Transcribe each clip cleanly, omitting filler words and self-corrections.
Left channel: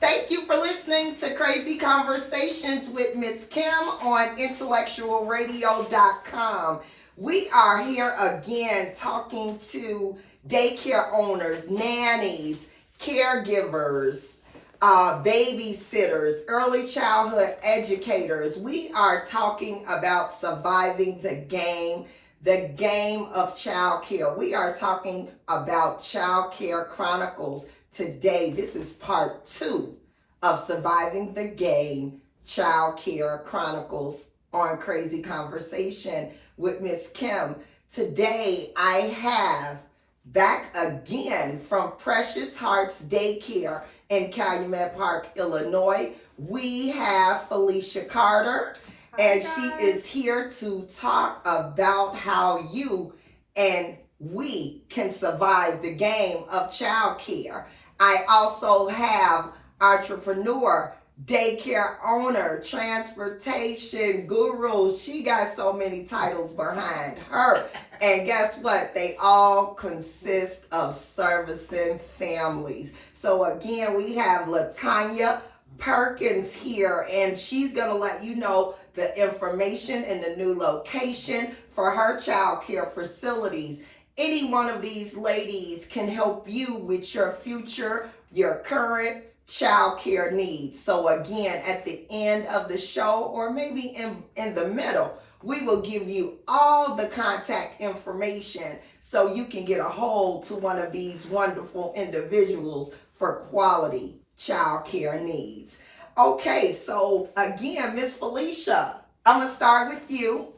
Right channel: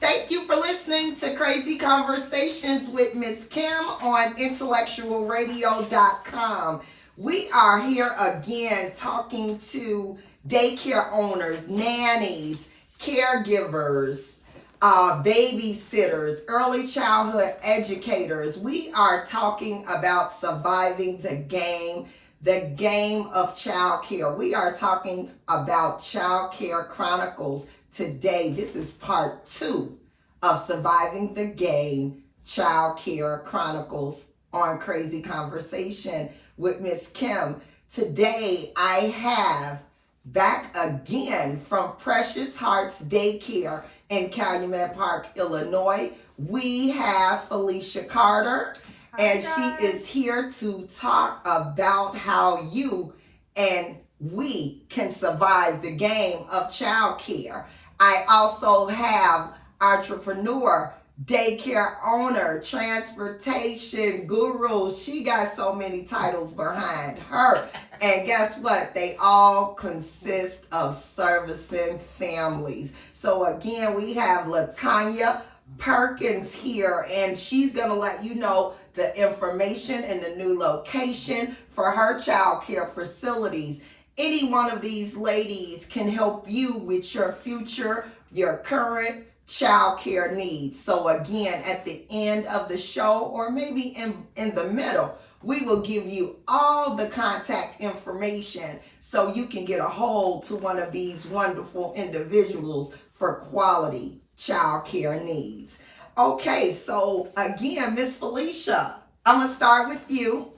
Thank you for listening to Crazy Conversations with Miss Kim on intellectualradio.com. We are here again talking to daycare owners, nannies, caregivers, babysitters, early childhood educators. We are talking about surviving the game of childcare. We are talking about Childcare Chronicles today. This is part 2 of Surviving the Game, Childcare Chronicles on Crazy Conversation with Miss Kim. Today I have back again from Precious Hearts Daycare in Calumet Park, Illinois. We have Felicia Carter, and she is here to talk about how you and we can survive the game of childcare. I also have entrepreneur, daycare owner, transportation guru. She got so many titles behind her. And guess what? They all consist of servicing families. So again, we have LaTanya Perkins here, and she's going to let you know the information and the new location for her child care facilities. Any one of these ladies can help you with your future, your current child care needs. So again, at the end of the show, or maybe in the middle, we will give you all the contact information so you can get a hold to one of these wonderful individuals for quality child care needs. Okay, so again, Miss Felicia, I'm going to start with you.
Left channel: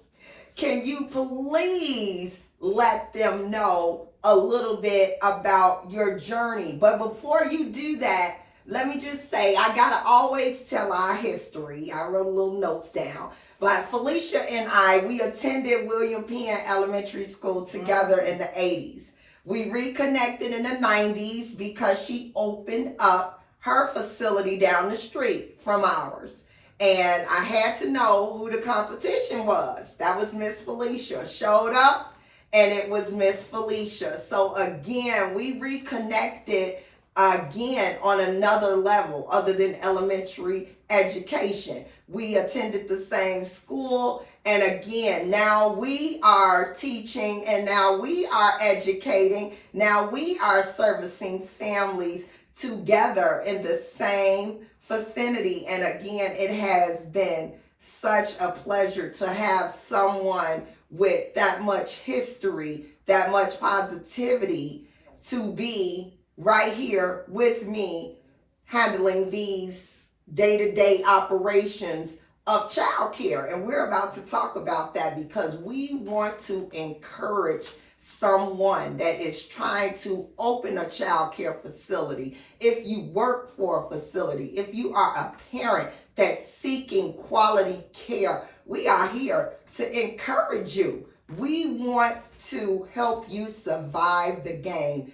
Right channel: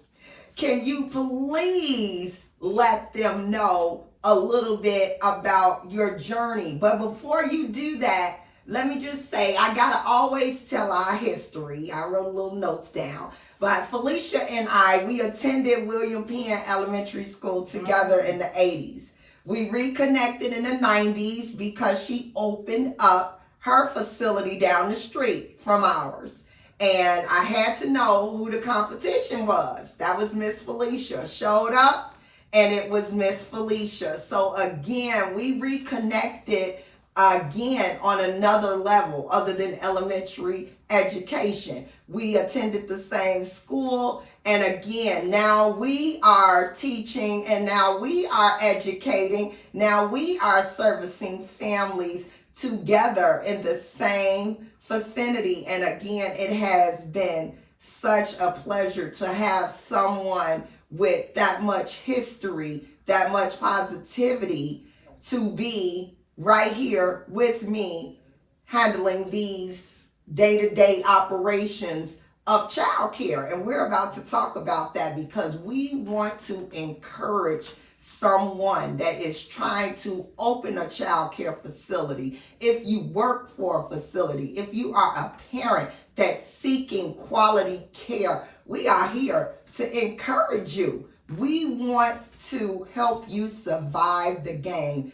Can you please let them know a little bit about your journey? But before you do that, let me just say, I got to always tell our history. I wrote a little notes down. But Felicia and we attended William Penn Elementary School together in the 80s. We reconnected in the 90s because she opened up her facility down the street from ours. And I had to know who the competition was. That was Miss Felicia. Showed up, and it was Miss Felicia. So again, we reconnected again on another level other than elementary education. We attended the same school, and again, now we are teaching, and now we are educating, now we are servicing families together in the same vicinity. And again, it has been such a pleasure to have someone with that much history, that much positivity, to be right here with me handling these day-to-day operations of childcare. And we're about to talk about that because we want to encourage someone that is trying to open a child care facility. If you work for a facility, if you are a parent that's seeking quality care, we are here to encourage you. We want to help you survive the game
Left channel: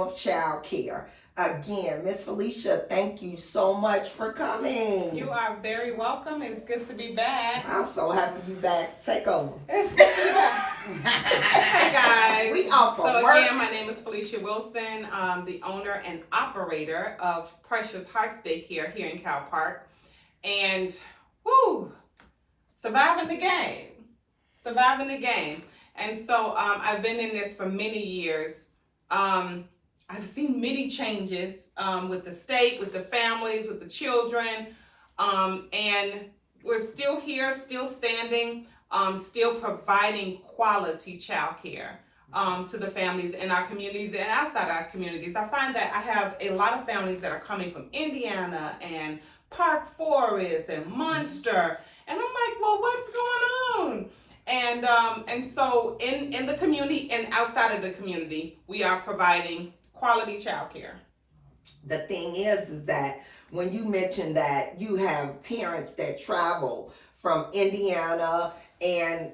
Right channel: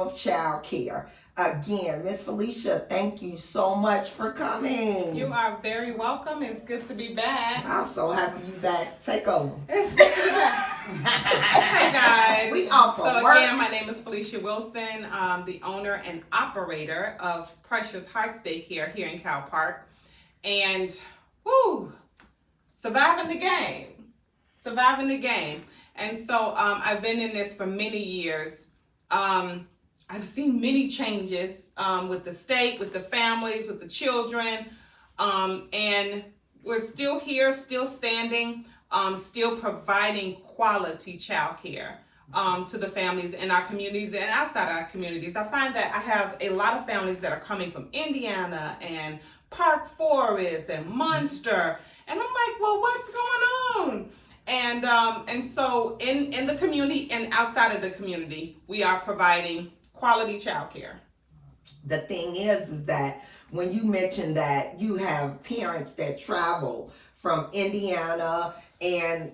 of child care. Again, Miss Felicia, thank you so much for coming. You are very welcome. It's good to be back. I'm so happy you back. Take over. It's good to be back. Hey guys. We off for So work. Again, my name is Felicia Wilson. I'm the owner and operator of Precious Hearts Daycare here in Cal Park. And surviving the game. And so I've been in this for many years. I've seen many changes with the state, with the families, with the children, and we're still here, still standing, still providing quality child care to the families in our communities and outside our communities. I find that I have a lot of families that are coming from Indiana and Park Forest and Munster, and I'm like, well, what's going on? And so in the community and outside of the community, we are providing quality child care. The thing is that when you mention that you have parents that travel from Indiana and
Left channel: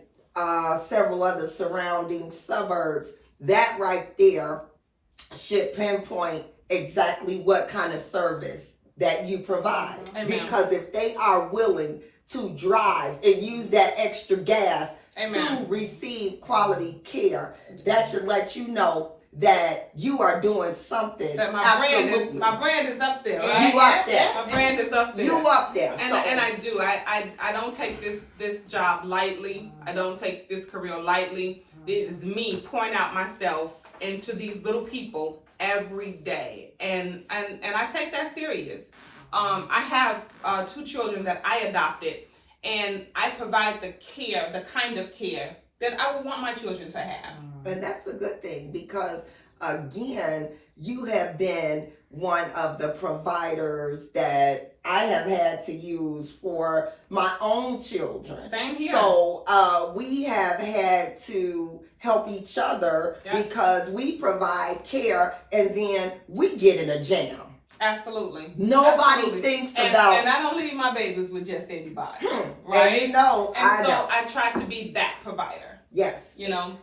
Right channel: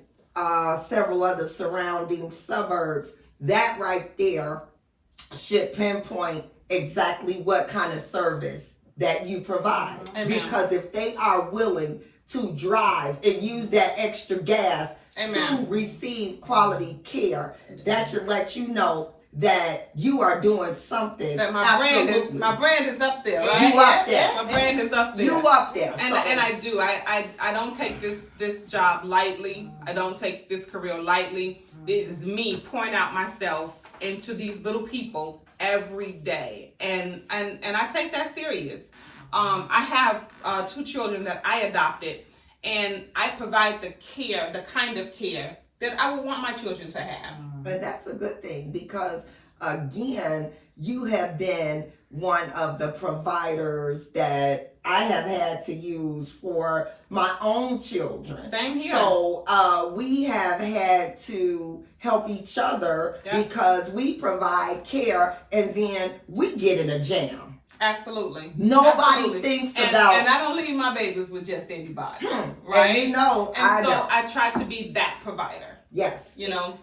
several other surrounding suburbs, that right there should pinpoint exactly what kind of service that you provide. Amen. Because if they are willing to drive and use that extra gas Amen. to receive quality care, that should let you know that you are doing something. That my Absolutely. brand is up there, right? You up there. My brand is up there. You up there. And I do. I don't take this job lightly. I don't take this career lightly. It is me pouring out myself into these little people every day, and I take that serious. I have 2 children that I adopted, and I provide the kind of care that I would want my children to have. And that's a good thing because, again, you have been one of the providers that I have had to use for my own children. Same here. So we have had to help each other because we provide care and then we get in a jam. Absolutely. Nobody thinks about. And I don't leave my babies with just anybody, right? And I try to be that provider. Yes.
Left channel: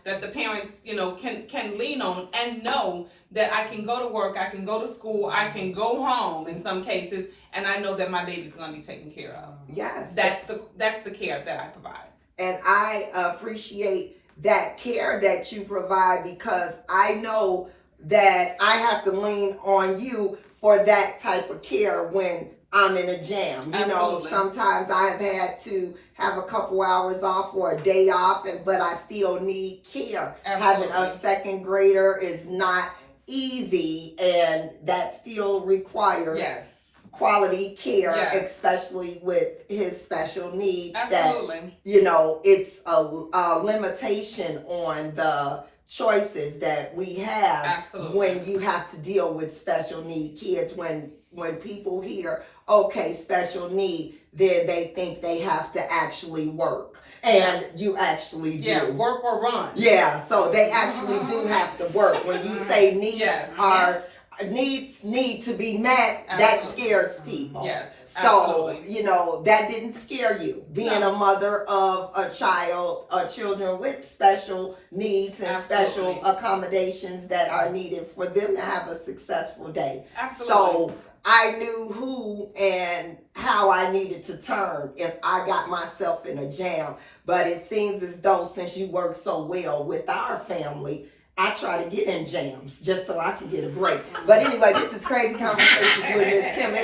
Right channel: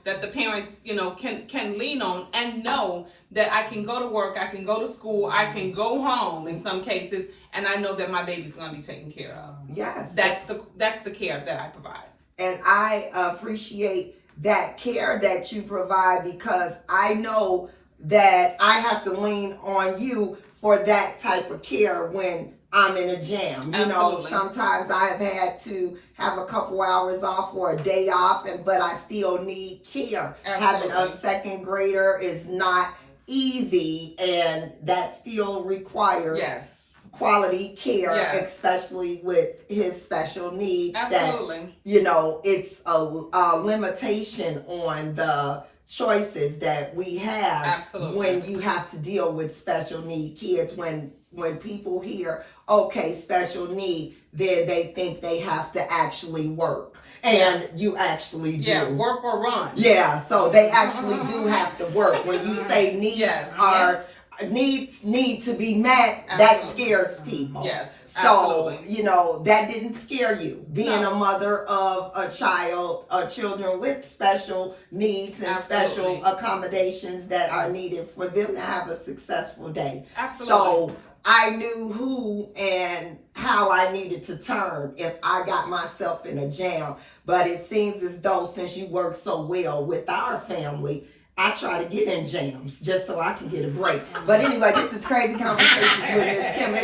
That the parents, can lean on and know that I can go to work, I can go to school, I can go home in some cases, and I know that my baby's going to be taken care of. Yes. That's the care that I provide. And I appreciate that care that you provide because I know that I have to lean on you for that type of care when I'm in a jam. Absolutely. Sometimes I have had to have a couple hours off or a day off, but I still need care. Absolutely. Having a second grader is not easy, and that still requires quality care, especially with his special needs. Absolutely. That, it's a limitation on the choices that we have. Absolutely. When you have to deal with special need kids. When people hear, okay, special need, then they think they have to actually work. And you actually do. Yeah, work or run. Yeah, so they actually do have to work. When you say needs need to be met, that scares people. Yes. So, Absolutely. that didn't scare you. Being a mother of children with special needs and special accommodations that are needed for them to have a successful day. Absolutely. So I knew who and how I needed to turn if I got myself in a jam. But it seems as though since you work so well with our family, I try to get in jams just so I can get a break. But anyway, this is Crazy Conversations with Miss Kim.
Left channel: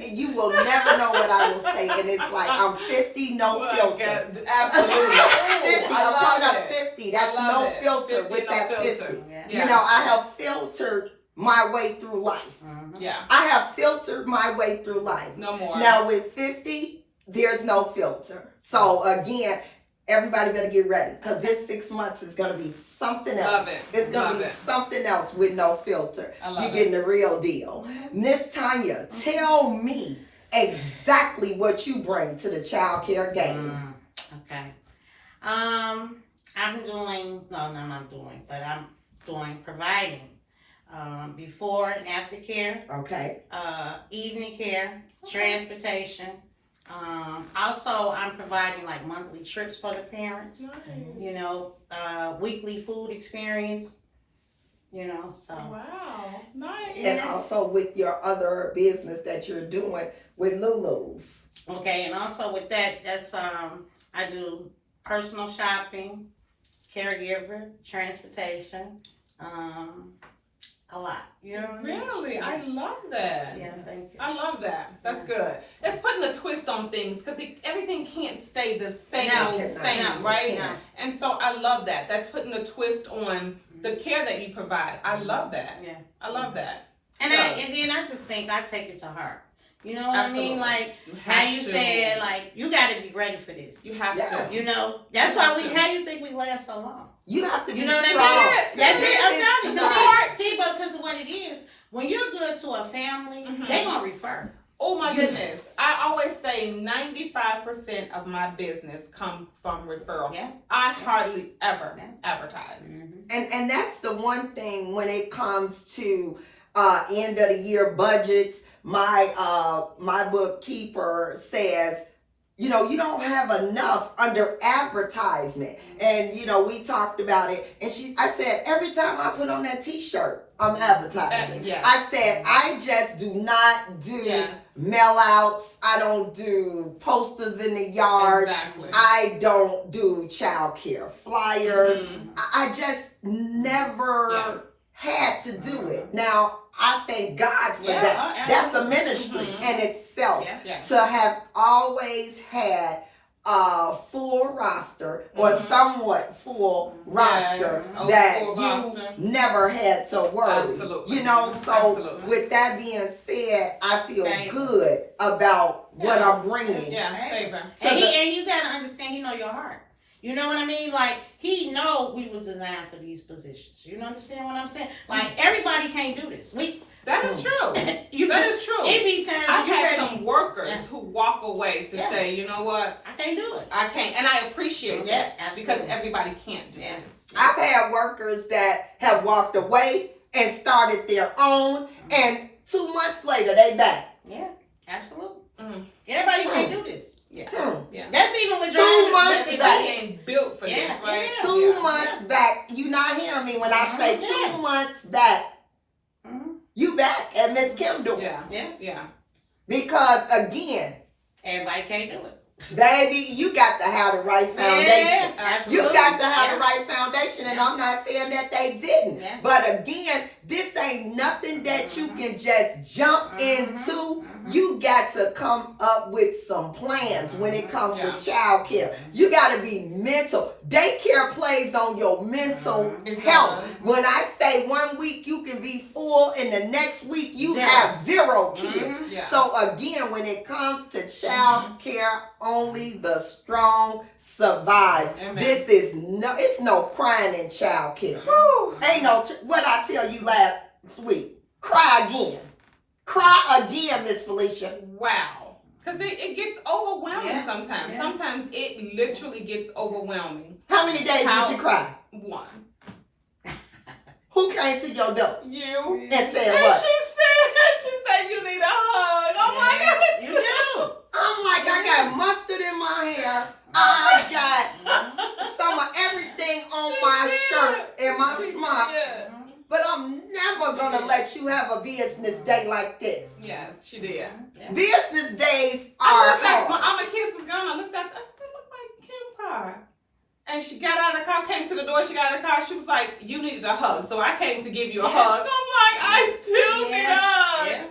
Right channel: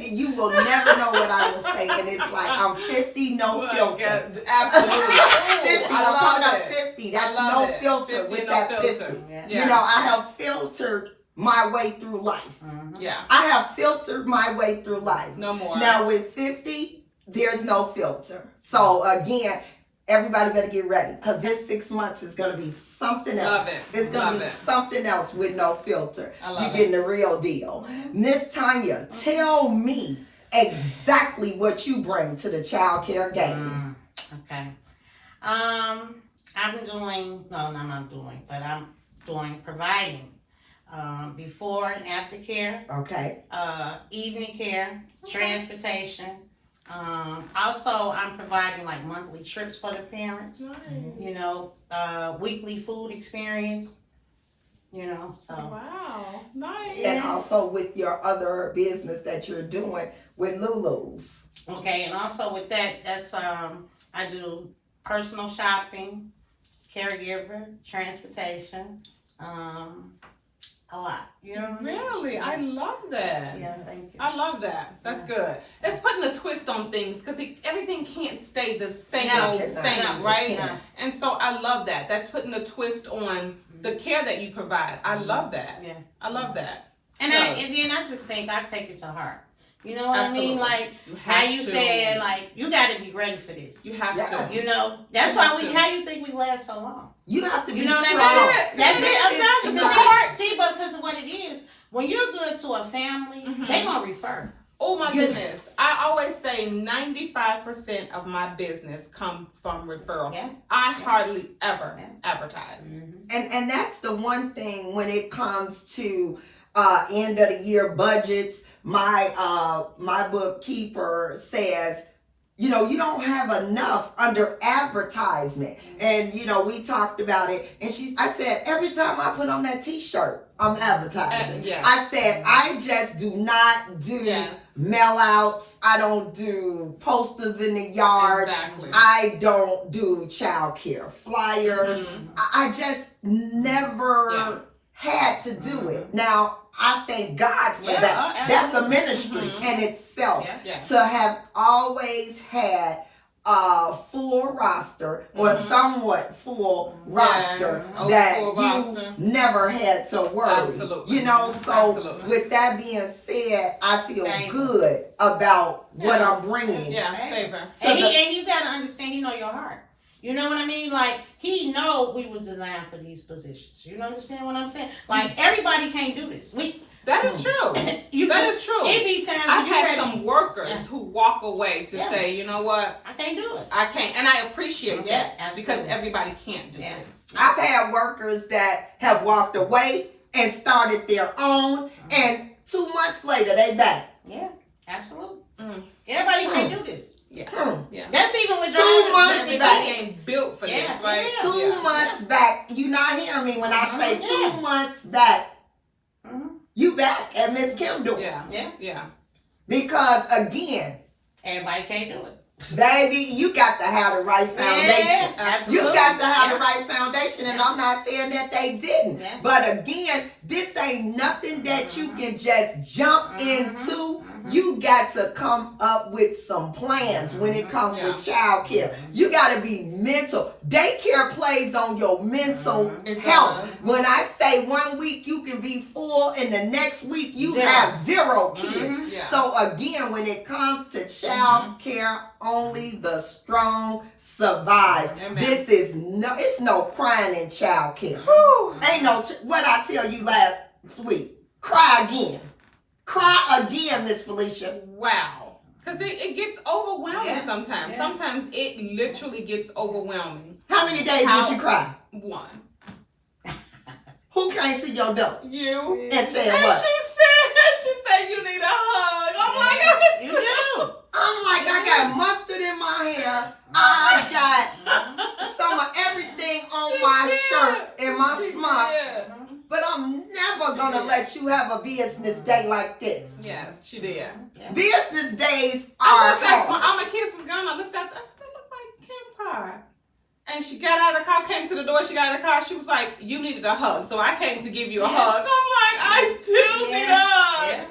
You will never know what I will say. And it's like, I'm 50, no filter. Absolutely. 50, I'm coming up 50. That's no filter with that 50. Yeah. I have filtered my way through life. Yeah. I have filtered my way through life. No more. Now with 50, there's no filter. So again, everybody better get ready because this 6 months is going to be something else. Love it. It's going to be something else with no filter. You're getting the real deal. Miss Tanya, tell me exactly what you bring to the child care game. Okay. I'm providing before and after care. Okay. Evening care, transportation. Also, I'm providing like monthly trips for the parents. Nice. Weekly food experience. So. Wow. Nice. And also with your other business that you're doing with Lulu's. Okay, and also with that's I do personal shopping, caregiver, transportation, a lot. Really? I love that. Yeah, thank you. I love that. That's good. It's putting a twist on things because everything can't stay the same right? No. And so I love that. That's putting a twist on the care that you provide. I love that. Yeah. I love that. And then I just think I take it to heart. You know what Absolutely. I mean? Like how you said, like you got to be ready for this. You have to. That's why how you think we last so long? You have to be strong. That's it. I'm telling you. See, but because of what it is, when you're good to a family, they're gonna refer. Oh my goodness! I always say 95% of my business come from referral. Yeah. I hardly ever advertise. And that's the one thing when it comes to end of the year budgets. My bookkeeper says, you don't have enough under advertisement. And, we talked about it. And I said, every time I put on that t-shirt, I'm advertising. Yes. I said, I just do not do mail outs. I don't do posters in the yard. Exactly. I don't do child care flyers. I just never had to do it. Now, I thank God for Yeah, that. That's a absolutely. ministry Mhm. in itself. Yeah. Yeah. To have always had a full roster or Mhm. somewhat full roster Oh, that full you roster. never had to worry. Absolutely. You know, so Absolutely. with that being said, I feel Favor. good about what Yeah. I'm bringing. Yeah, favor. So And, the- and you gotta understand, he know your heart. You know what I mean? Like, he know we were designed for these positions. You understand what I'm saying? Like, everybody can't do this. That is true. You That is true. It be times I've when you had ready. some workers Yeah. who walk away to Yeah. say, you know what, I can't do it. I can't, and I appreciate Yeah, that absolutely. because everybody can't do Yeah. this. I've had workers that have walked away and started their own, and 2 months later they back. Yeah, absolutely. Mm. Everybody can't do this. Yeah, Hmm. That's even with 2 months drivers. back. everybody ain't built for Yeah, this, right? yeah. 2 months back, you not hearing me when I say Yeah. 2 months back, Mhm. you back at Miss Kim door. Yeah, Yeah, yeah. Because again, everybody can't do it. baby, you got to have the right foundation. Yeah, You absolutely. got to have the Yeah. right foundation, and I'm not saying that they didn't. Yeah. But again, this ain't nothing that you can just jump into. Mhm. You got to come up with some plans when it comes Yeah. with child care. You got to be mental. Daycare plays on your mental It health. does. When I say 1 week you can be full, and the next week you Zero. have 0 kids. Mhm. Yeah. So again, when it comes to child care, only the strong survive. Amen. This is it's no crying in child care. Whew. Ain't no, what I tell you last week, cry again. Cry again, Miss Felicia. Wow. Because it gets overwhelming Yeah. sometimes. Yeah. Sometimes it literally gets overwhelming. How many days How- did you cry? One. Who came to your door You. and said And what? she said you need a hug. Oh my God. You do. I'm like, I got mustard in my hair. I got Mhm. some of everything on She my did. shirt and my She smock. did. But I'm never gonna let you have a business day like this. Yes, she did. Yeah. Business days I are looked at hard. all my kids is gone. I looked at I still look like Kim Carr. And she got out of the car, came to the door, she got out of the car, she was like, you needed a hug. So I came to give you a Yeah. hug. I'm like, I do need a hug. Yeah.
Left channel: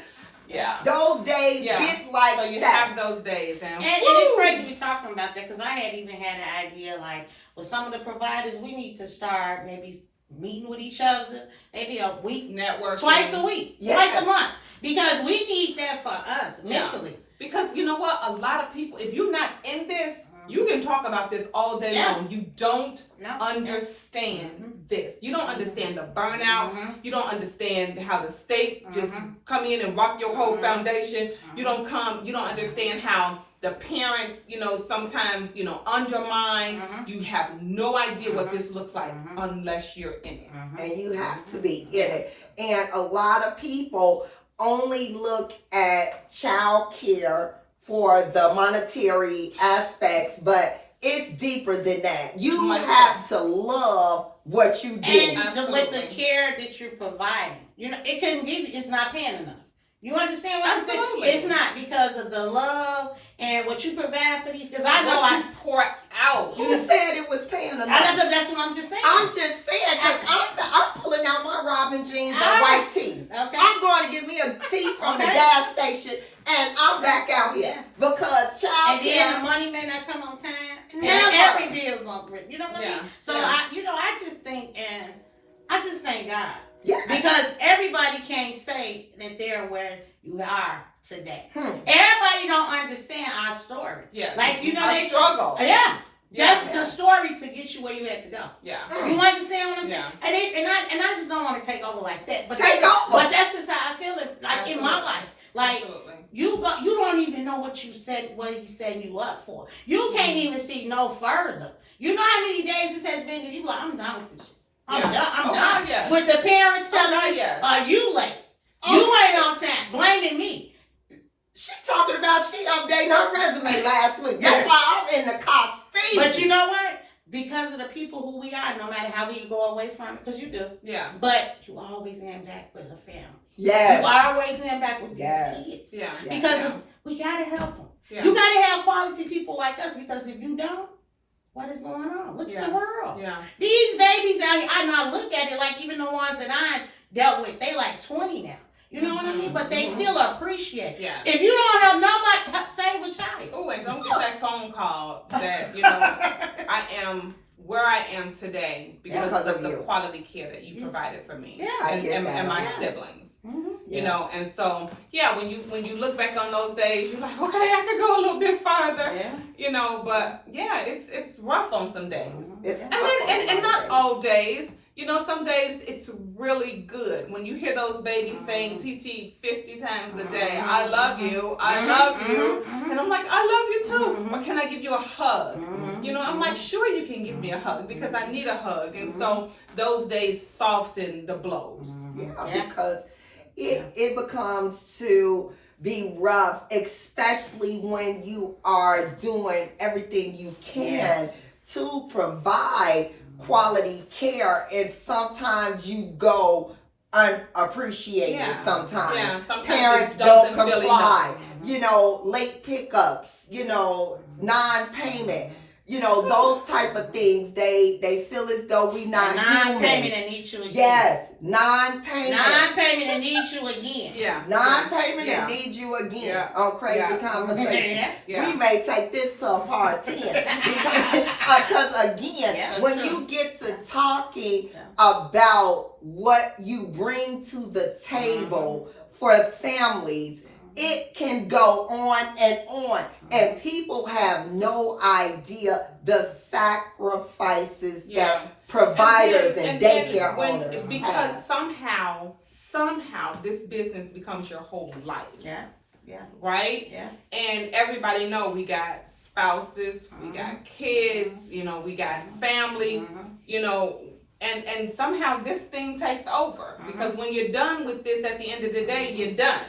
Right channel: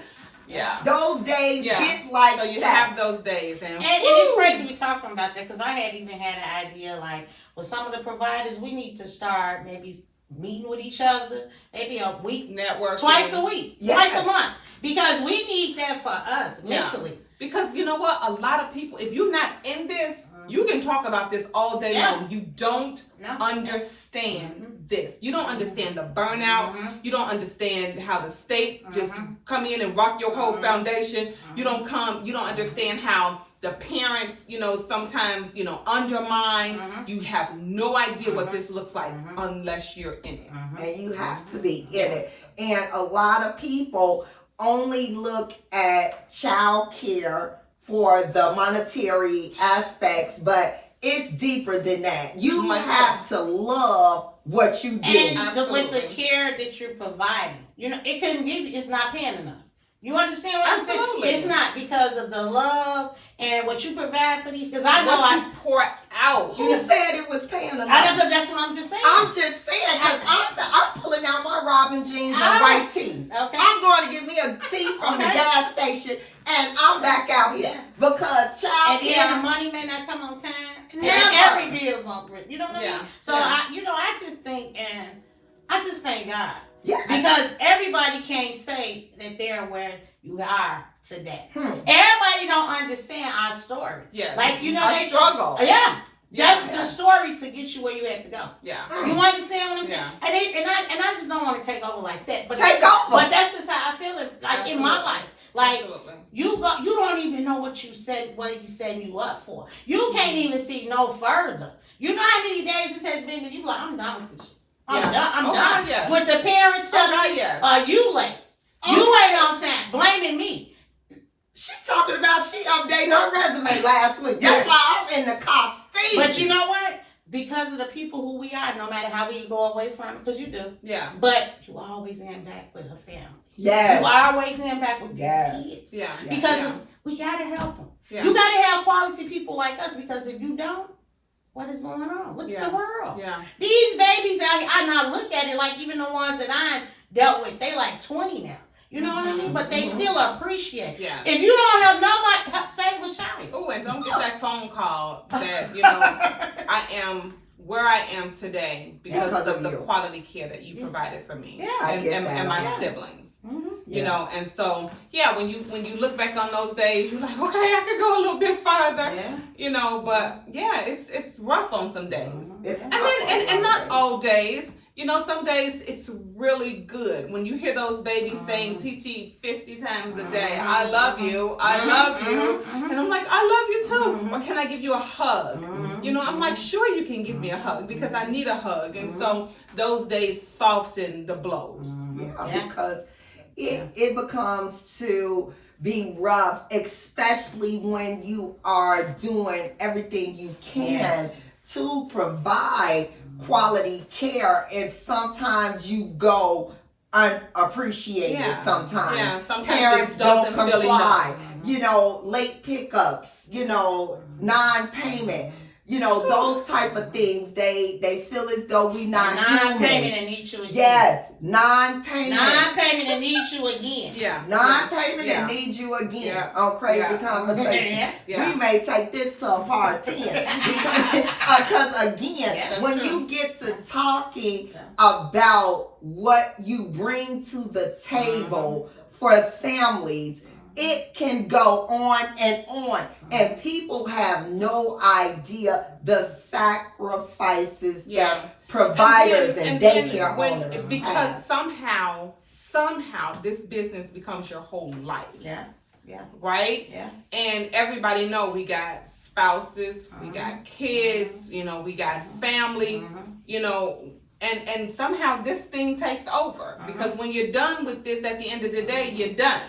Yeah. Those days Yeah. get like So you that. have those days. And, And it's crazy we talking about that because I had even had an idea like with some of the providers, we need to start maybe meeting with each other, maybe a week, network. twice a week, Yes. twice a month, because we need that for us Yeah. mentally. Because you know what? A lot of people, if you're not in this, you can talk about this all day Yeah. long. You don't No. understand this. You don't understand the burnout. Mhm. You don't understand how the state just come in and rock your whole Mhm. foundation. You don't understand how the parents, sometimes, undermine. Mhm. You have no idea what Mhm. this looks like Mhm. unless you're in it. Mhm. And you have to be in it. And a lot of people only look at child care for the monetary aspects, but it's deeper than that. You Like have to love what you do. And with the Absolutely. care that you're providing, it couldn't give you. It's not paying enough. You understand what I'm Absolutely. saying? It's not because of the love and what you provide for these. Because I know What you pour out. Who said it was paying enough? that's what I'm just saying. I'm just saying, because I'm pulling out my Robin jeans and Ah. white tee. Okay. I'm going to get me a tea from the Okay. gas station, and I'm back out here. Yeah. Because child And then the care, money may not come on time. And Never. every bill's on grid. You know what I Yeah. mean? So Yeah. I just think, and I just thank God. yeah. Because everybody can't say that they're where you are today. Hmm. Everybody don't understand our story. Yes. Like, you know, I they struggle. Yeah. That's Yeah. the story to get you where you had to go. Yeah. You understand what I'm saying? Yeah. And I just don't want to take over like that. But Take that's, over. But that's just how I feel it. Like in my Absolutely. life, like Absolutely. you don't even know what he's setting you up for. You can't even see no further. You know how many days it has been that you like, I'm done with this shit. I'm Yeah. done. I'm Oh, done. God, yes. With the parents Oh, telling God, you, yes. you late. You ain't on time. Blaming me. She talking about she updating her resume last week. That's why I'm in the car speeding. But you know what? Because of the people who we are, no matter how you go away from it, because you do, Yeah. but you always end back with a family. Yes. You always end back with Yes. these kids. Yeah. Yeah. Because Yeah. we gotta help them. Yeah. You gotta have quality people like us. Because if you don't, what is going on? Look Yeah. at the world. Yeah. These babies out here, I now look at it like even the ones that I dealt with. They like 20 now. You know what I mean? But they still appreciate. Yeah. If you don't help nobody, save a child. Oh, and don't get that phone call that, I am where I am today because of the quality care that you provided for me and my siblings. And so when you look back on those days, you're like, okay, I could go a little bit further. But it's rough on some days. And not all days. Some days it's really good when you hear those babies saying TT 50 times a day, I love you, I love you. And I'm like, I love you too. Or can I give you a hug? I'm like, sure you can give me a hug because I need a hug. And so those days soften the blows. Because it becomes to be rough, especially when you are doing everything you can to provide quality care, and sometimes you go unappreciated. Sometimes parents don't comply. Late pickups. Non-payment. Those type of things. They feel as though we not non-payment and need you again. Yes, non-payment. Non-payment and need you again. Yeah. Non-payment and need you again. On crazy conversation. We may take this to a part 10 because again, when you get to talking about what you bring to the table for families, it can go on, and people have no idea the sacrifices that providers and daycare owners because have. somehow this business becomes your whole life. Right? Yeah. And everybody know we got spouses, we got kids, we got family, and somehow this thing takes over because when you're done with this at the end of the day, you're done.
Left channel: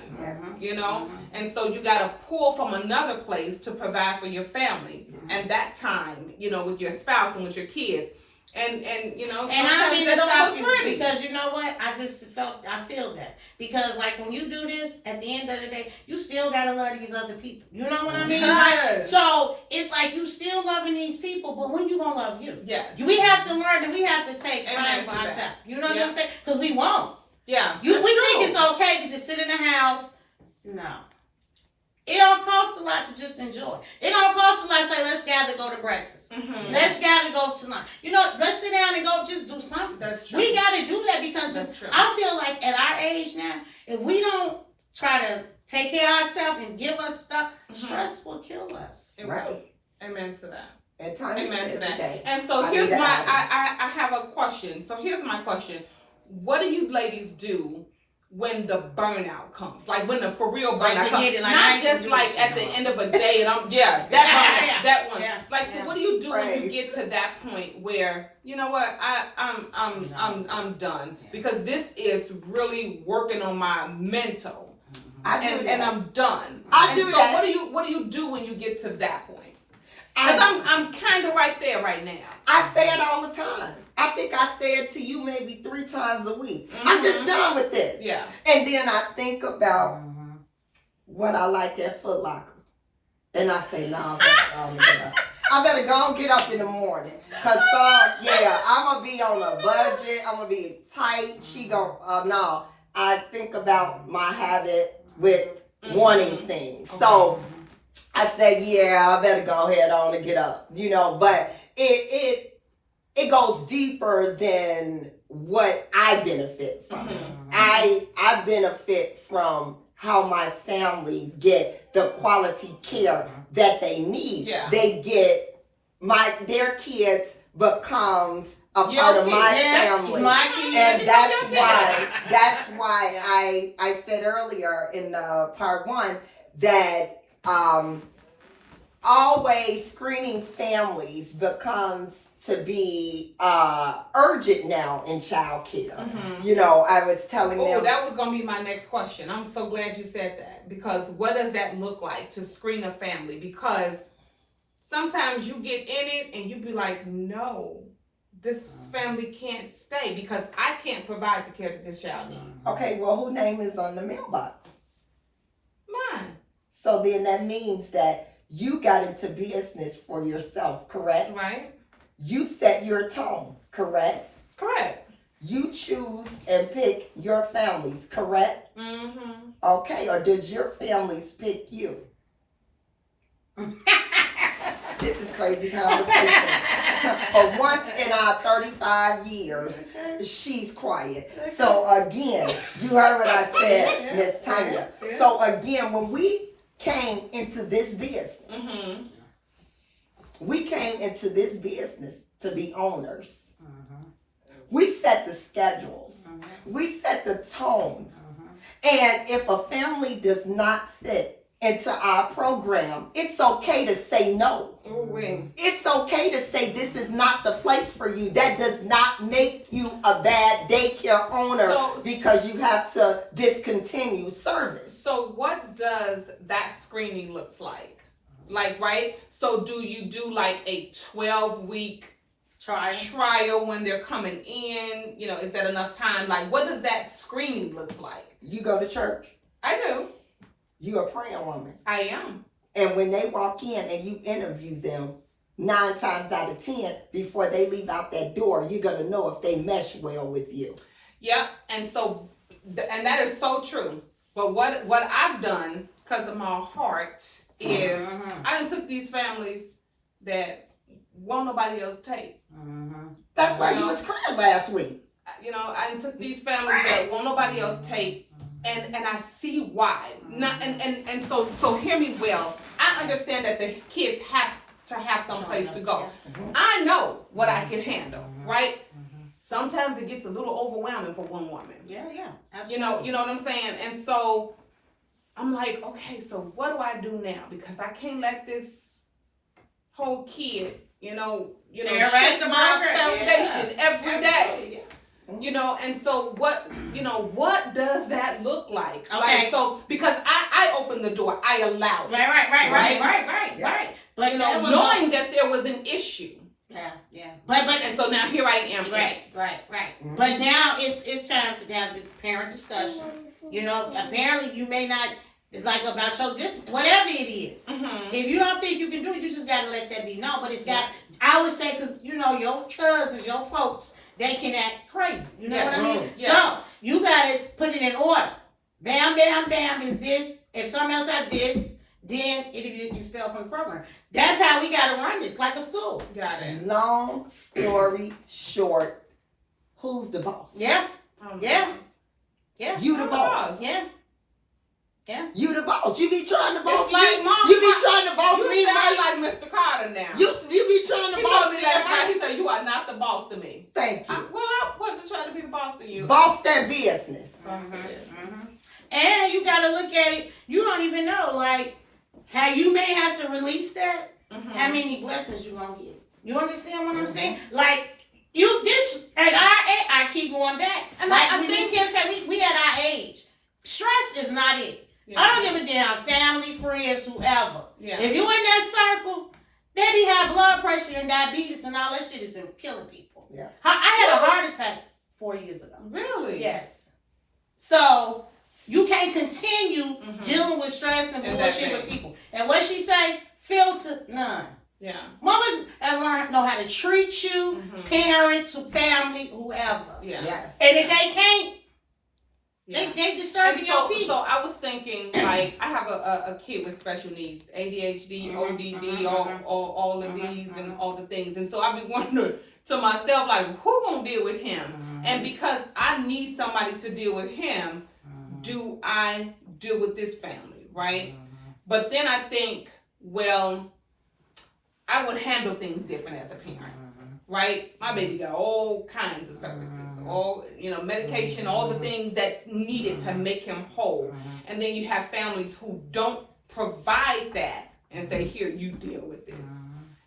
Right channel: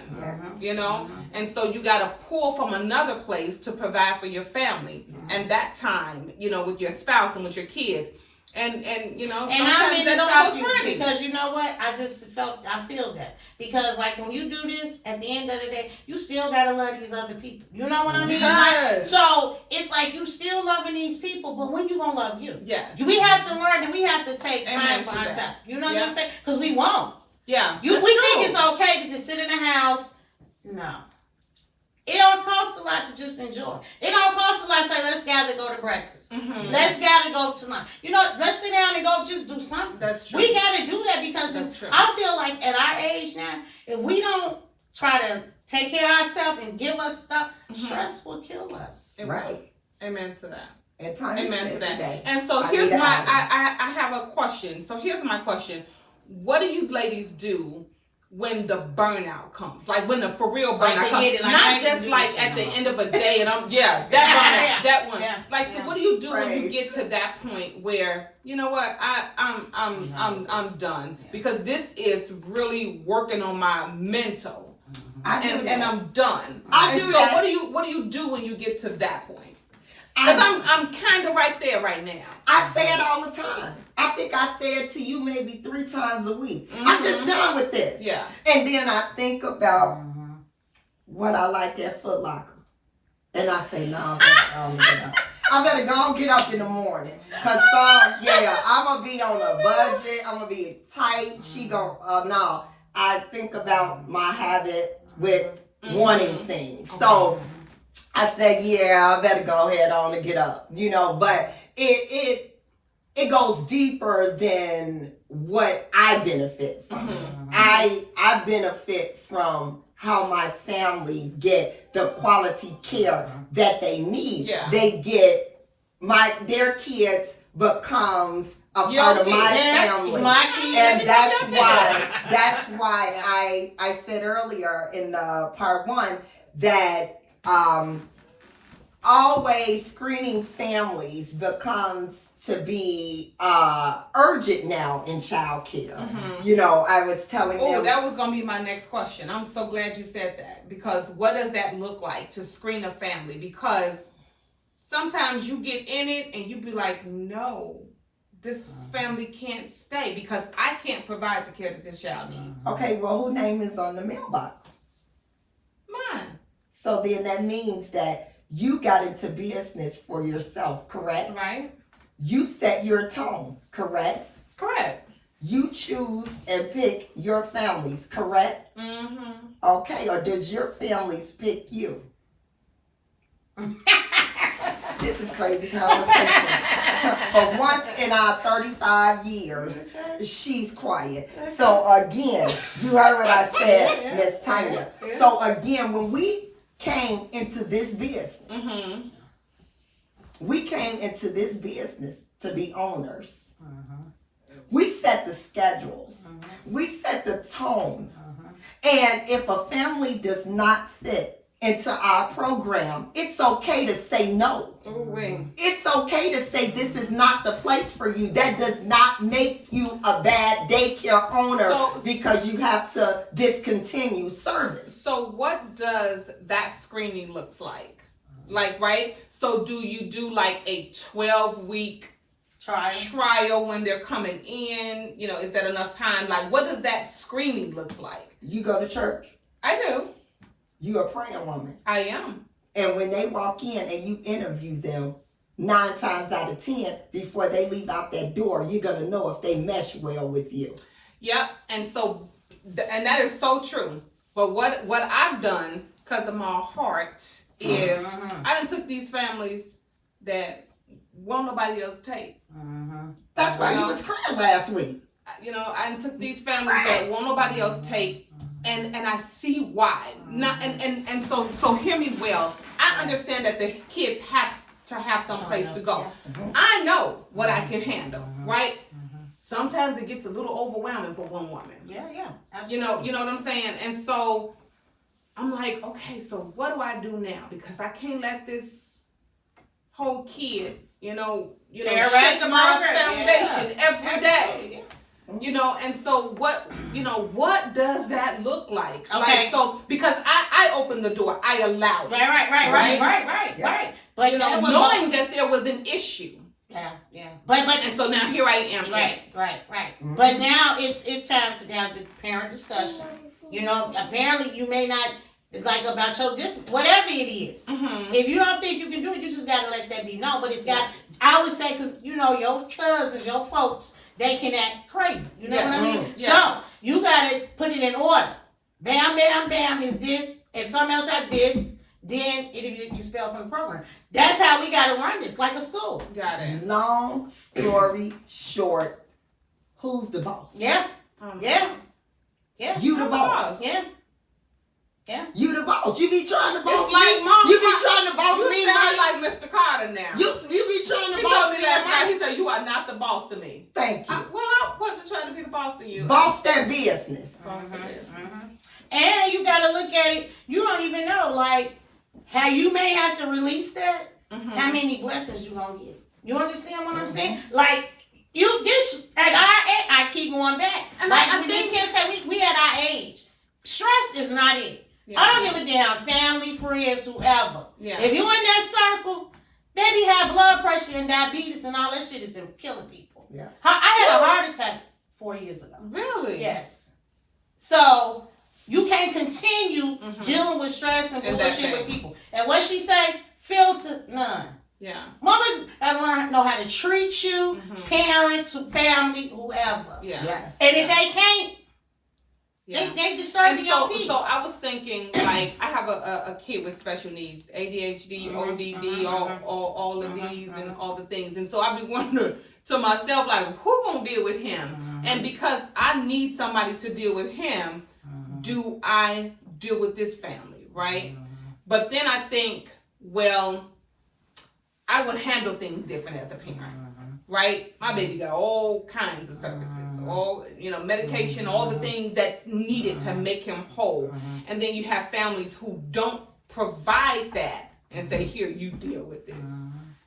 And so you got to pull from another place to provide for your family and that time, with your spouse and with your kids. And sometimes they don't look pretty. Because you know what? I feel that. Because like when you do this, at the end of the day, you still gotta love these other people. You know what I mean? Yes. So it's like you still loving these people, but when you gonna love you? Yes. We have to learn that we have to take time for ourselves. You know what I'm saying? Because we won't. Yeah. We think it's okay to just sit in the house. No. It don't cost a lot to just enjoy. It don't cost a lot to say, let's gather, go to breakfast. Let's gather, go to lunch. Let's sit down and go just do something. That's true. We got to do that because I feel like at our age now, if we don't try to take care of ourselves and give us stuff, stress will kill us. Right. Amen to that. Amen to that. Today. And so here's I have a question. So here's my question. What do you ladies do when the burnout comes, like when the for real burnout comes, not just like at the end of a day and that one. So what do you do when you get to that point where I'm done because this is really working on my mental, and I'm done. What do you do when you get to that point? Because I'm kind of right there right now. I say it all the time. I think I say it to you maybe 3 times a week. I'm just done with this. Yeah. And then I think about what I like at Foot Locker. And I say, no, I better go and get up in the morning. Because I'm going to be on a budget. I'm going to be tight. She going no. I think about my habit with wanting things. So I say, I better go ahead on and get up, but it goes deeper than what I benefit from. I benefit from how my families get the quality care that they need. They get their kids becomes a part of my family. And that's why I said earlier in part 1 that always screening families becomes to be urgent now in child care. I was telling them. Oh, that was going to be my next question. I'm so glad you said that because what does that look like to screen a family? Because sometimes you get in it and you be like, no, this family can't stay because I can't provide the care that this child needs. Okay, well, whose name is on the mailbox? Mine. So then that means that you got into business for yourself, correct? Right. You set your tone, correct? Correct. you choose and pick your families, correct? Mm-hmm. Okay, or does your families pick you? This is crazy conversation. For once in our 35 years, she's quiet. So again, you heard what I said, Miss Tanya. So again, when we came into this business, Mm-hmm. we came into this business to be owners. We set the schedules. We set the tone. And if a family does not fit into our program, it's okay to say no. Ooh-wee. It's okay to say this is not the place for you. That does not make you a bad daycare owner because you have to discontinue service. So what does that screening looks like? Like, right? So do you do like a 12-week trial when they're coming in? You know, is that enough time? Like, what does that screening looks like? You go to church. I do. You're a praying woman. I am. And when they walk in and you interview them, 9 times out of 10, before they leave out that door, you're going to know if they mesh well with you. Yep. And so, and that is so true. But what I've done, because of my heart, is I done took these families that won't nobody else take. That's why you was crying last week. You know, I took these families that won't nobody else take, and I see why. Not and so hear me well. I understand that the kids have to have some place to go. I know what I can handle, right? Sometimes it gets a little overwhelming for one woman. Yeah, absolutely. You know what I'm saying? And so I'm like, okay, so what do I do now? Because I can't let this whole kid, shake my foundation every day. You know, and so what does that look like? Okay. Like, so because I opened the door, I allowed it. Right. But knowing that there was an issue. Yeah. But And so now here I am. Right. Mm-hmm. But now it's time to have the parent discussion. You know, apparently you may not like about your whatever it is. Mm-hmm. If you don't think you can do it, you just gotta let that be known. But it's got, I would say, because your cousins, your folks, they can act crazy. You know what I mean? Yes. So you gotta put it in order. Bam, bam, bam is this. If someone else have this, then it'll be expelled from the program. That's how we gotta run this, like a school. Got it. Long story short, who's the boss? Yeah. Yeah. You the boss. Yeah. You the boss. You be trying to boss It's like me. Mom, You be trying to boss you me, sound right? like Mr. Carter now. You be trying to He boss told me, me last night, right? he said, you are not the boss to me. Thank you. I wasn't trying to be the boss of you. Boss that business. And you gotta look at it. You don't even know, like, how you may have to release that. How many blessings you gonna get? You understand what I'm saying? Like, I keep going back. And like I these think kids say, we at our age. Stress is not it. Yeah. I don't give a damn, family, friends, whoever. Yeah. If you in that circle, they be have blood pressure and diabetes and all that shit is killing people. Yeah. I had a heart attack 4 years ago. Really? Yes. So you can't continue dealing with stress and And bullshit with people. And what she say? Filter none. Yeah. Mama gotta know how to treat you, parents, family, whoever. Yeah. Yes. And if they can't, Yeah. they disturbing your peace. So I was thinking, like, I have a kid with special needs, ADHD, ODD, all of these and all the things. And so I've been wondering to myself, like, who gonna deal with him? And because I need somebody to deal with him, do I deal with this family, right? But then I think, well, I would handle things different as a parent. Right? My baby got all kinds of services, all, medication, all the things that's needed to make him whole. And then you have families who don't provide that and say, here, you deal with this.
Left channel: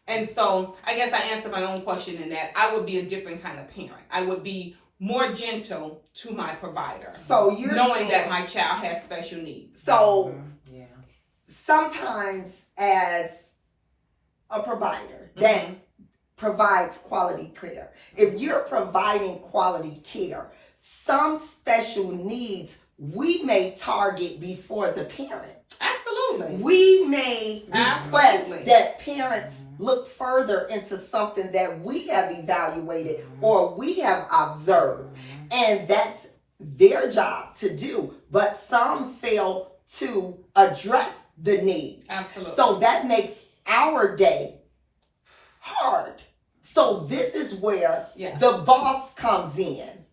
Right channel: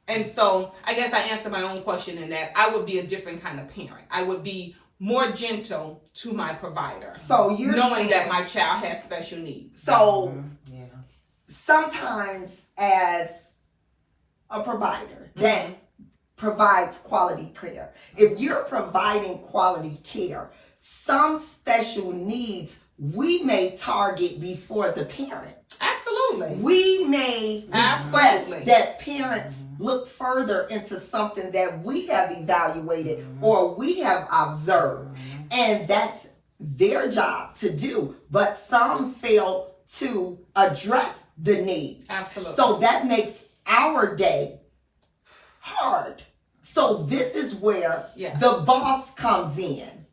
And so I guess I answered my own question in that I would be a different kind of parent. I would be more gentle to my provider. So you're knowing saying, that my child has special needs. So sometimes as a provider that provides quality care, if you're providing quality care, some special needs we may target before the parent. Absolutely. Absolutely. We may request Absolutely. that parents look further into something that we have evaluated or we have observed. And that's their job to do. But some fail to address the needs. Absolutely. So that makes our day hard. So this is where Yes. the boss comes in.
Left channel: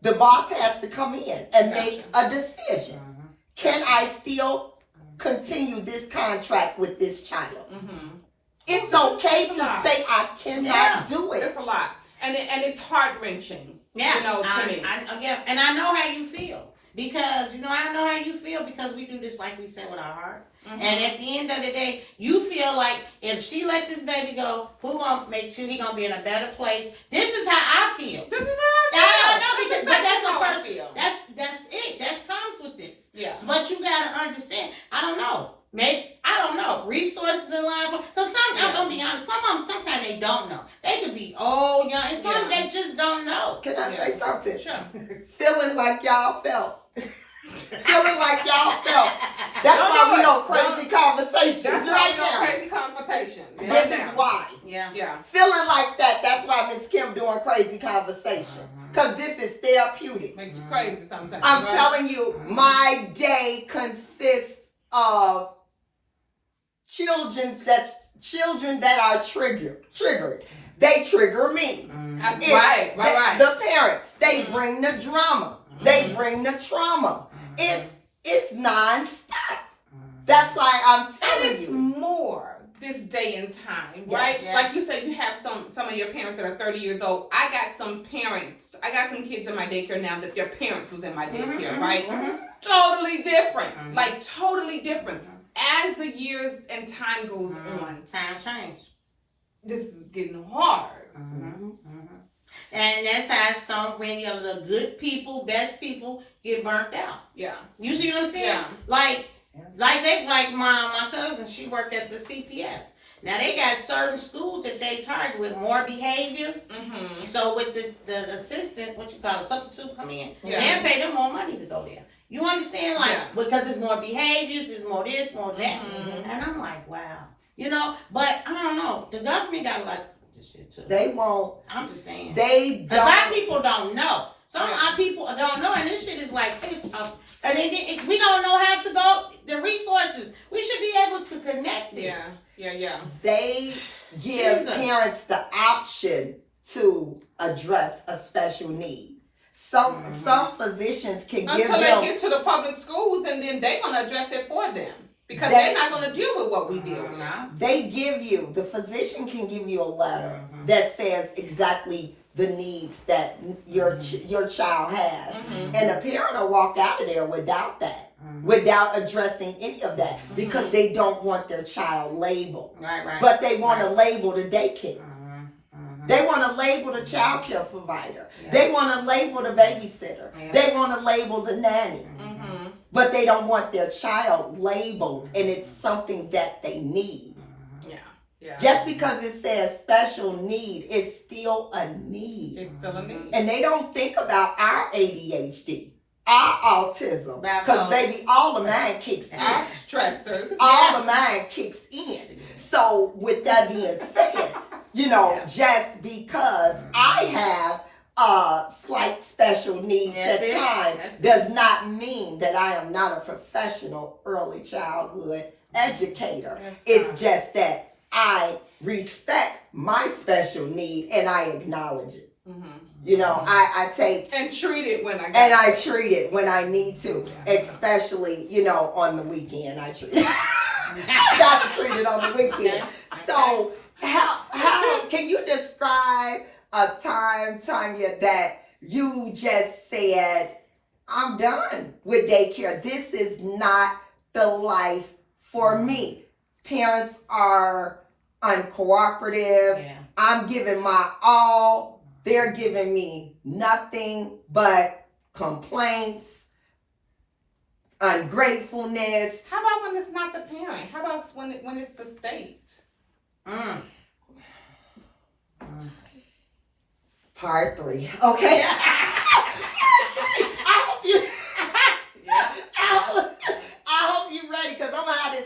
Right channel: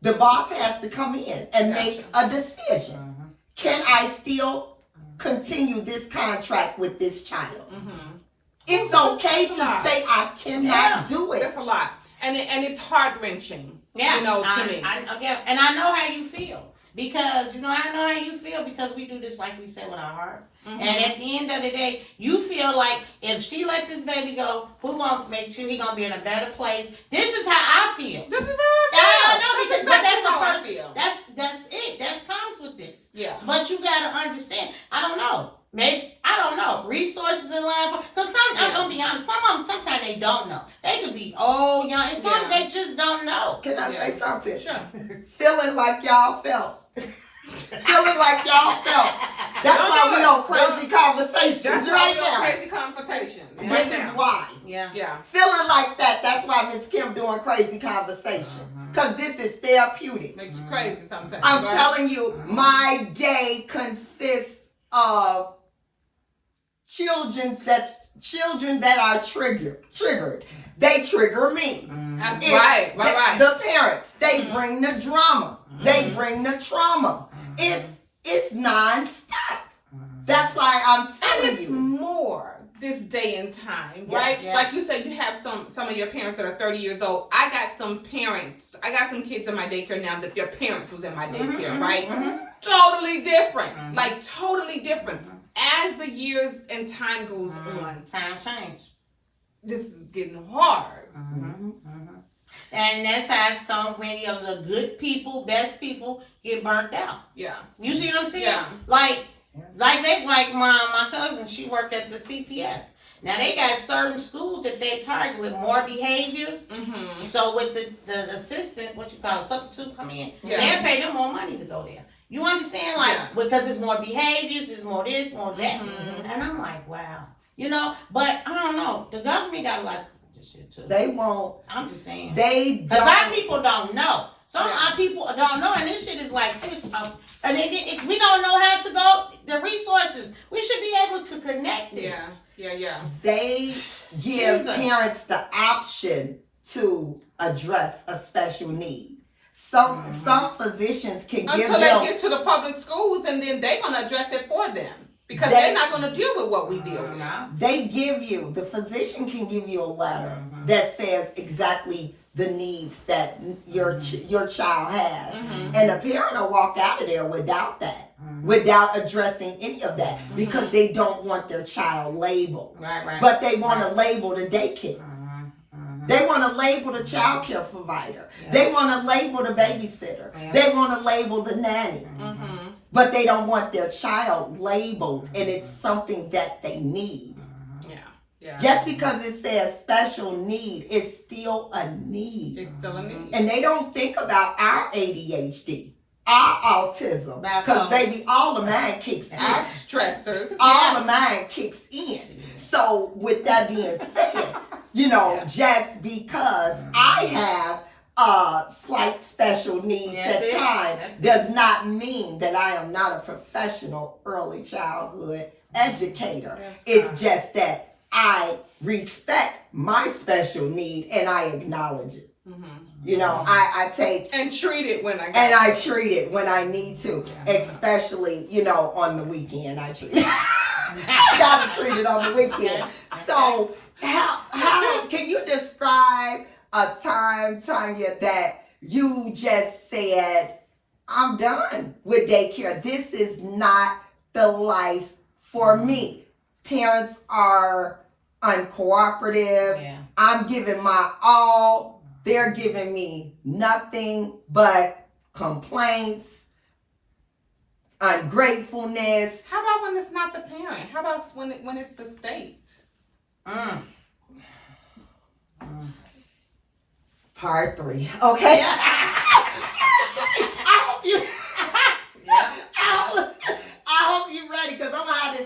The boss has to come in and make a decision. Can I still continue this contract with this child? It's okay to say I cannot do it. That's a lot. And it's heart-wrenching, you know, to me. And I know how you feel. Because, I know how you feel because we do this, like we said, with our heart. And at the end of the day, you feel like if she let this baby go, who gonna make sure he gonna be in a better place? This is how I feel. This is how I feel. But that's how a I person. feel. That's it. That comes with this. Yeah. But you gotta understand. I don't know. Maybe I don't know. Resources in line because I'm gonna be honest. Some of them sometimes they don't know. They could be old, young, and some they just don't know. Can I say something? Sure. Feeling like y'all felt. Feeling like y'all felt. That's Don't why do we it. on crazy conversations That's right why now. we're on crazy conversations. This is why. Yeah. Feeling like that. That's why Miss Kim doing crazy conversation. Because this is therapeutic. Make you crazy sometimes. I'm right? telling you, my day consists of children that are triggered. They trigger me. It's Right. The parents, they bring the drama. They bring the trauma. It's non-stop. That's why I'm And telling it's you. more this day and time, right? Yes. Like you said, you have some of your parents that are 30 years old. I got some kids in my daycare now that their parents was in my daycare, right? Totally different. Like totally different. As the years and time goes on, Time change. this is getting hard. And that's how so many of the good people, best people, get burnt out. Yeah. You see what I'm saying? Yeah. Like my cousin, she worked at the CPS. Now they got certain schools that they target with more behaviors. So with the assistant, what you call it, substitute come in, they'll pay them more money to go there. You understand? Like because it's more behaviors, it's more this, more that. And I'm like, wow. But I don't know. The government got a lot of this shit too. They won't. I'm just saying. They Because our don't. people don't know. Some of our people don't know, and this shit is like this. And we don't know how to go. The resources. We should be able to connect this. Yeah. They give Jesus. parents the option to address a special need. Some physicians can give Until them. they get to the public schools, and then they're gonna address it for them because they're not gonna deal with what we deal with. They give you, the physician can give you a letter that says exactly the needs that your child has. And a parent will walk out of there without that, without addressing any of that, because they don't want their child labeled. Right. But they want to label the daycare. They want to label the child care provider. They want to label the babysitter. They want to label the nanny. But they don't want their child labeled, and it's something that they need. Yeah. Just because it says special need, it's still a need. It's still a need. And they don't think about our ADHD, our autism. Because, baby, all of mine kicks in. Our stressors. All of mine kicks in. So, with that being said, just because I have slight special needs at times does not mean that I am not a professional early childhood educator. It's just that I respect my special need and I acknowledge it. I take and treat it when I treat it when I need to, especially on the weekend. I treat it. I gotta treat it on the weekend. So how can you describe a time, Tanya, that you just said, I'm done with daycare. This is not the life for me. Parents are uncooperative. I'm giving my all. They're giving me nothing but complaints, ungratefulness. How about when it's not the parent? How about when it's the state? Part 3. Okay. I hope you ready, because I'm gonna have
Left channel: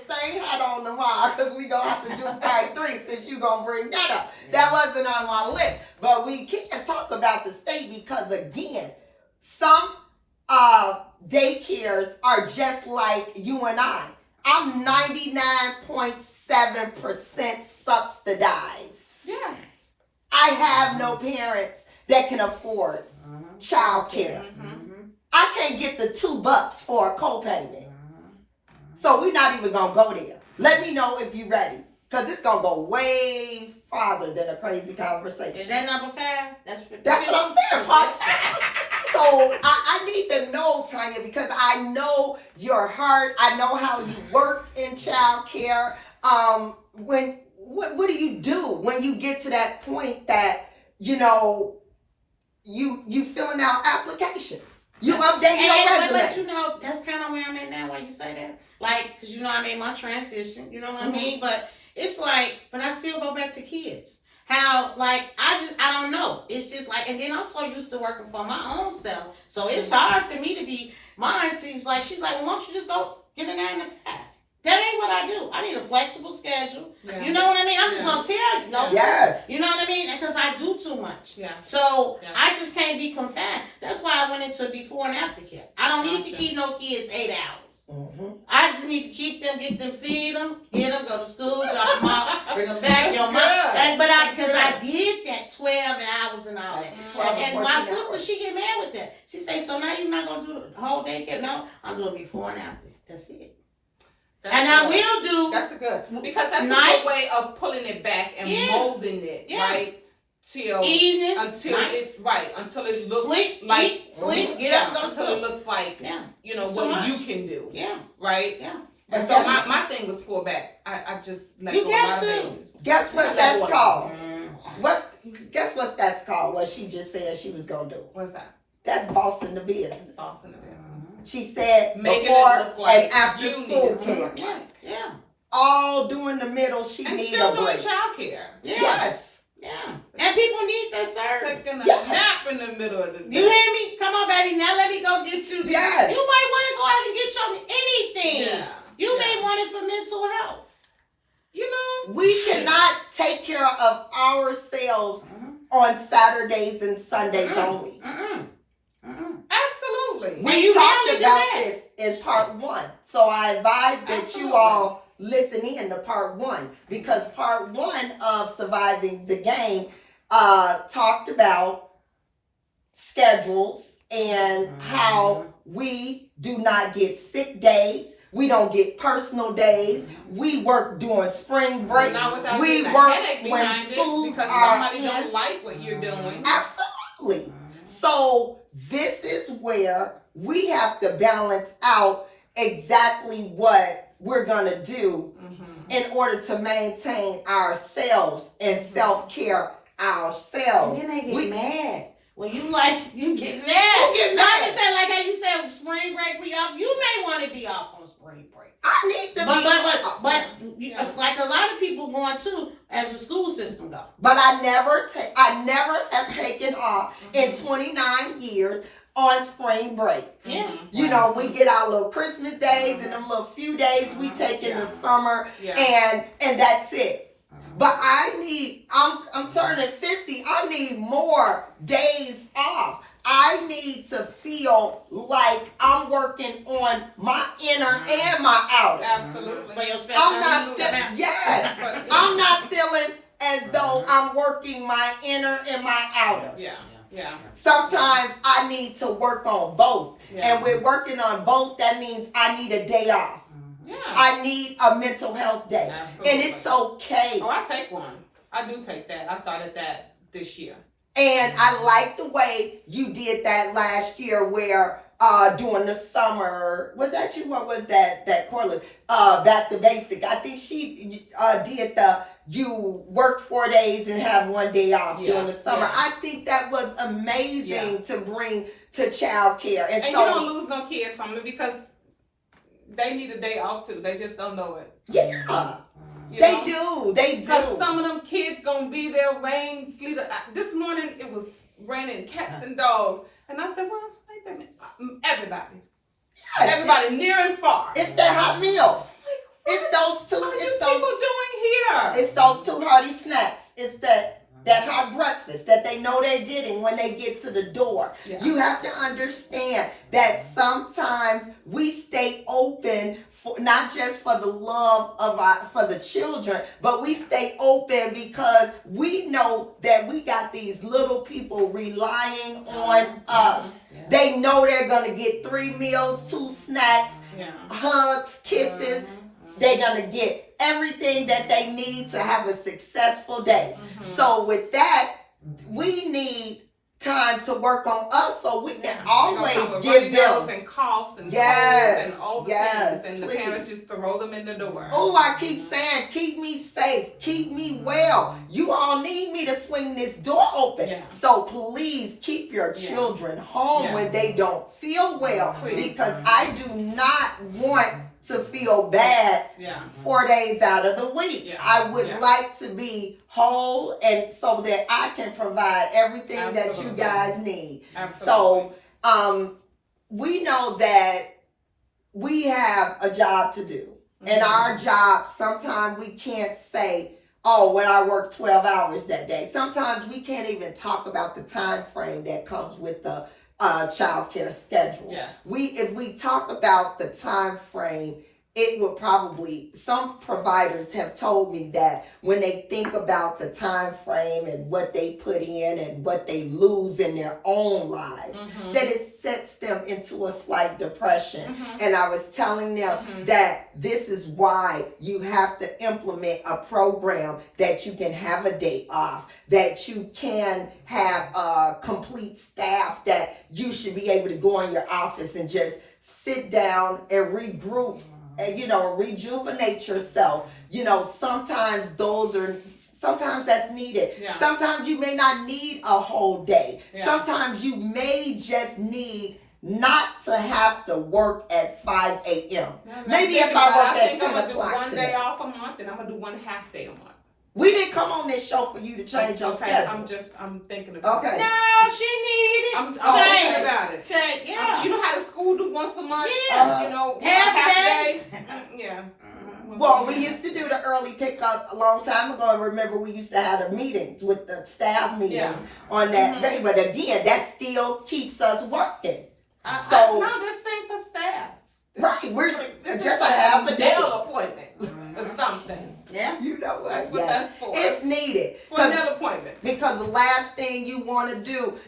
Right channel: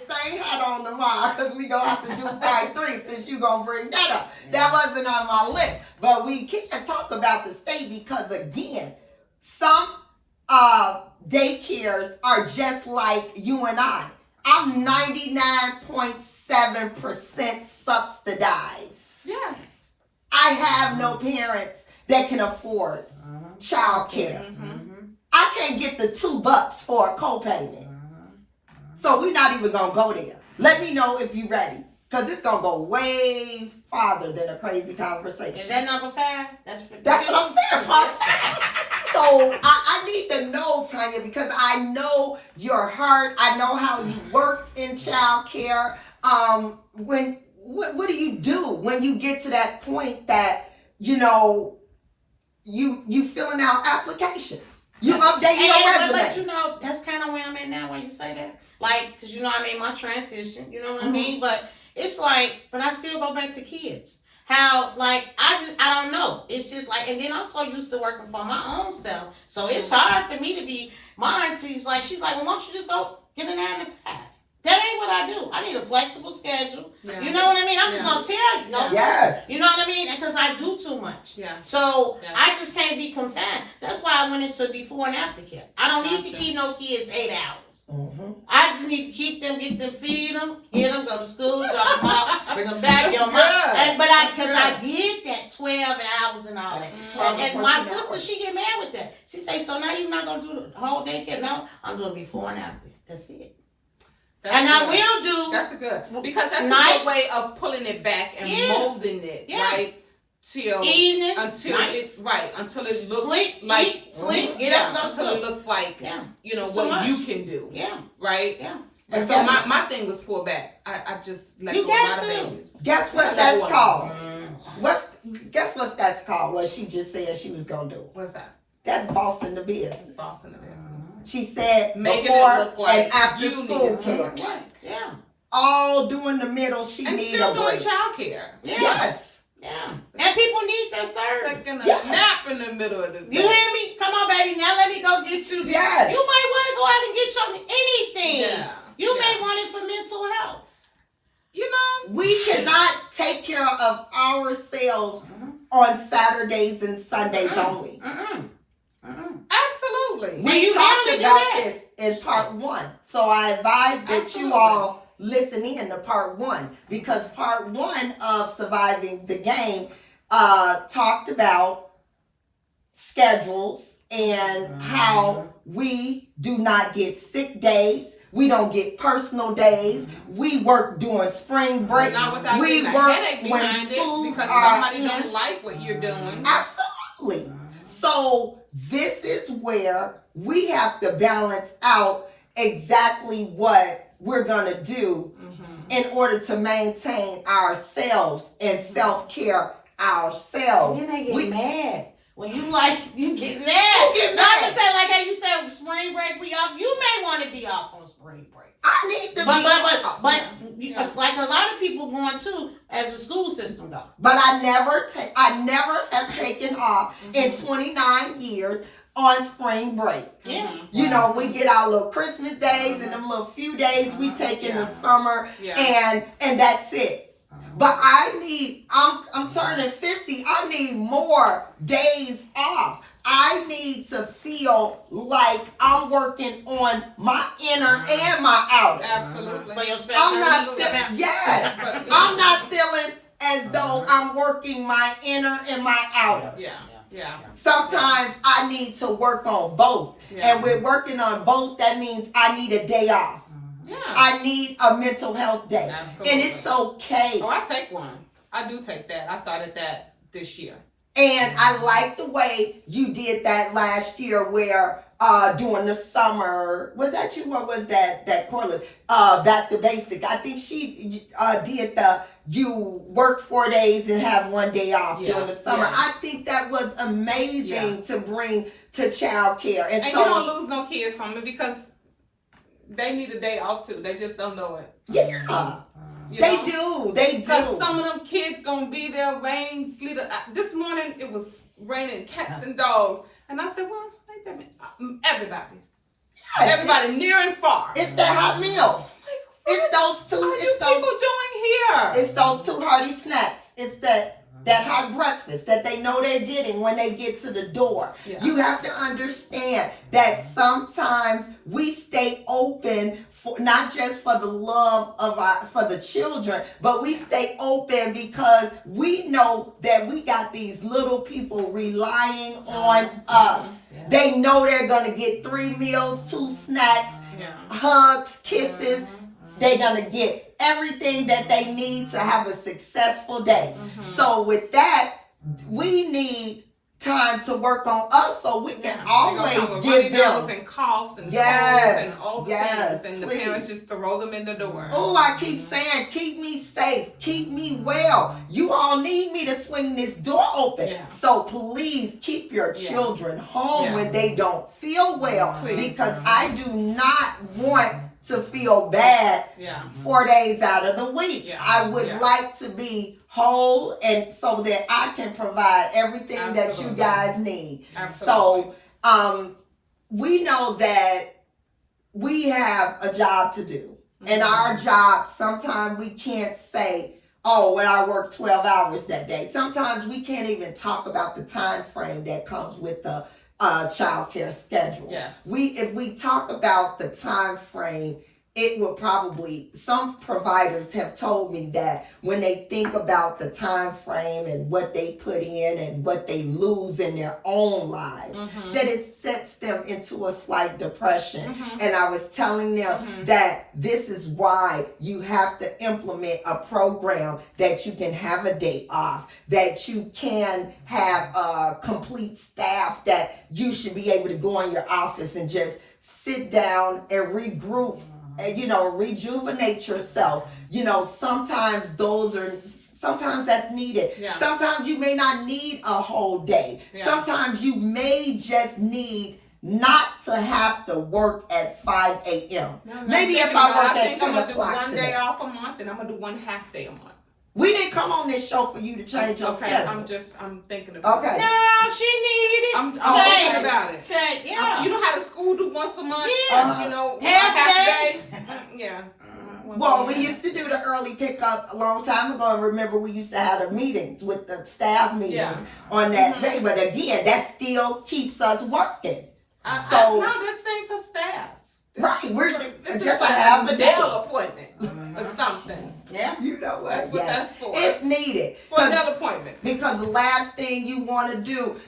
on tomorrow because we gonna have to do part 3 since you gonna bring that up. That wasn't on my list, but we can't talk about the state because again, some daycares are just like you and I. I'm 99.7% subsidized. Yes. I have no parents that can afford child care. I can't get the $2 for a co-payment. So we're not even gonna go there. Let me know if you're ready. Cause it's gonna go way farther than a crazy conversation. Is that number 5? That's what I'm saying, part 5. So I need to know, Tanya, because I know your heart. I know how you work in child care. What do you do when you get to that point that, you filling out applications? You update your resume. But that's kind of where I'm at now when you say that. Like, because I made my transition, you know what I mean? But it's like, but I still go back to kids. How, like, I don't know. It's just like, and then I'm so used to working for my own self. So it's hard for me to be, my auntie's like, she's like, well, why don't you just go get a 9 to 5? That ain't what I do. I need a flexible schedule. Yeah. You know what I mean? I'm just going to tell you. You know what I mean? Because I do too much. Yeah. So I just can't be confined. That's why I went into before and after care. I don't need to keep no kids 8 hours. I just need to keep them, get them, feed them, get them, go to school, drop them off, bring them back. Because I did that 12 hours and all that. And my sister, she get mad with that. She say, so now you're not going to do the whole daycare? No, I'm doing before and after. That's it. That's and good. I will do. That's good. Because that's a good way of pulling it back and molding it, right? Till evenings, until it looks sleep, get up, until it looks like what much. You can do. Yeah. Right? Yeah. And so my thing was pull back. I just let go a lot of babies. Guess what that's called? Guess what that's called? What she just said she was gonna do. What's that? That's bossing the business. That's bossing the business. She said making before it look like and after school care. Yeah. All during the middle, she and need still a break. Doing child care. Yeah. Yes. Yeah. And people need that service. Taking a nap in the middle of the day. You hear me? Come on, baby. Now let me go get you. Yes. You might want to go out and get your anything. Yeah. You may want it for mental health. We cannot take care of ourselves on Saturdays and Sundays only. Absolutely. We talked about this in part 1. So I advise that you all listen in to part 1 because part 1 of Surviving the Game talked about schedules and how we do not get sick days. We don't get personal days. We work during spring break. We work when schools are somebody don't like what you're doing. Absolutely. So this is where we have to balance out exactly what we're going to do in order to maintain ourselves and self-care ourselves. And then they get mad. When you get mad. Who get mad? Not to say like how you said spring break we off. You may want to be off on spring break. I need to be off. But it's like a lot of people going too as the school system goes. But I never have taken off in 29 years on spring break. Yeah. We get our little Christmas days and them little few days we take in the summer and that's it. But I'm turning 50. I need more days off. I need to feel like I'm working on my inner and my outer. Absolutely. I'm not feeling as though I'm working my inner and my outer. Yeah. Sometimes I need to work on both. And we're working on both. That means I need a day off. Yeah. I need a mental health day. Absolutely. And it's okay. Oh, I take one. I do take that. I started that this year. And I like the way you did that last year where during the summer, was that you or was that Corliss? Back to basic. I think she did you work 4 days and have 1 day off during the summer. I think that was amazing to bring to child care. And so, you don't lose no kids from it because they need a day off too. They just don't know it. Yeah. They do. Because some of them kids gonna be there, rain, sleet. This morning it was raining cats and dogs. And I said, well, everybody. Yes. Everybody near and far. It's that hot meal. It's those two. What are you It's people those. doing here? It's those two hearty snacks. It's that hot breakfast that they know they're getting when they get to the door. Yeah. You have to understand that sometimes we stay open for not just for the love of for the children, but we stay open because we know that we got these little people relying on us. They know they're gonna get 3 meals, 2 snacks, hugs, kisses. They're gonna get everything that they need to have a successful day. So with that, we need time to work on us so we can always give them and coughs and Yes, colds and all the yes, things, and please. the parents just throw them in the door. Oh, I keep saying, keep me safe, keep me well. You all need me to swing this door open. Yeah. So please keep your children home when they don't feel well, Please. because I do not want to feel bad 4 days out of the week. Yeah. I would like to be whole, and so that I can provide everything that you Absolutely. guys need. Absolutely. So we know that we have a job to do. And our job, sometimes we can't say, oh, well, I worked 12 hours that day. Sometimes we can't even talk about the time frame that comes with the child care schedule. Yes. If we talk about the time frame, it would probably, some providers have told me that when they think about the time frame and what they put in and what they lose in their own lives, that it sets them into a slight depression. And I was telling them that this is why you have to implement a program that you can have a day off, that you can have a complete staff, that you should be able to go in your office and just sit down and regroup and, rejuvenate yourself. Sometimes sometimes that's needed. Yeah. Sometimes you may not need a whole day. Yeah. Sometimes you may just need not to have to work at 5 a.m. Maybe if I work at 10 I'm gonna do o'clock one today. day off a month, and I'm gonna do one half day a month. We didn't come on this show for you to change your Okay, schedule. I'm thinking about Okay. it. No, she needed. I'm Change thinking about it. Change, yeah. You know how the school do once a month? Yeah. Half day? Yeah. Well, we used to do the early pickup a long time ago, and remember we used to have the meetings with the staff meetings on that day. But again, that still keeps us working. No, that's same for staff. Right, we're This just is a half a day. nail appointment or something. Yeah. You know what? That's what that's for. It's needed. For a nail appointment. Because the last thing you want to do,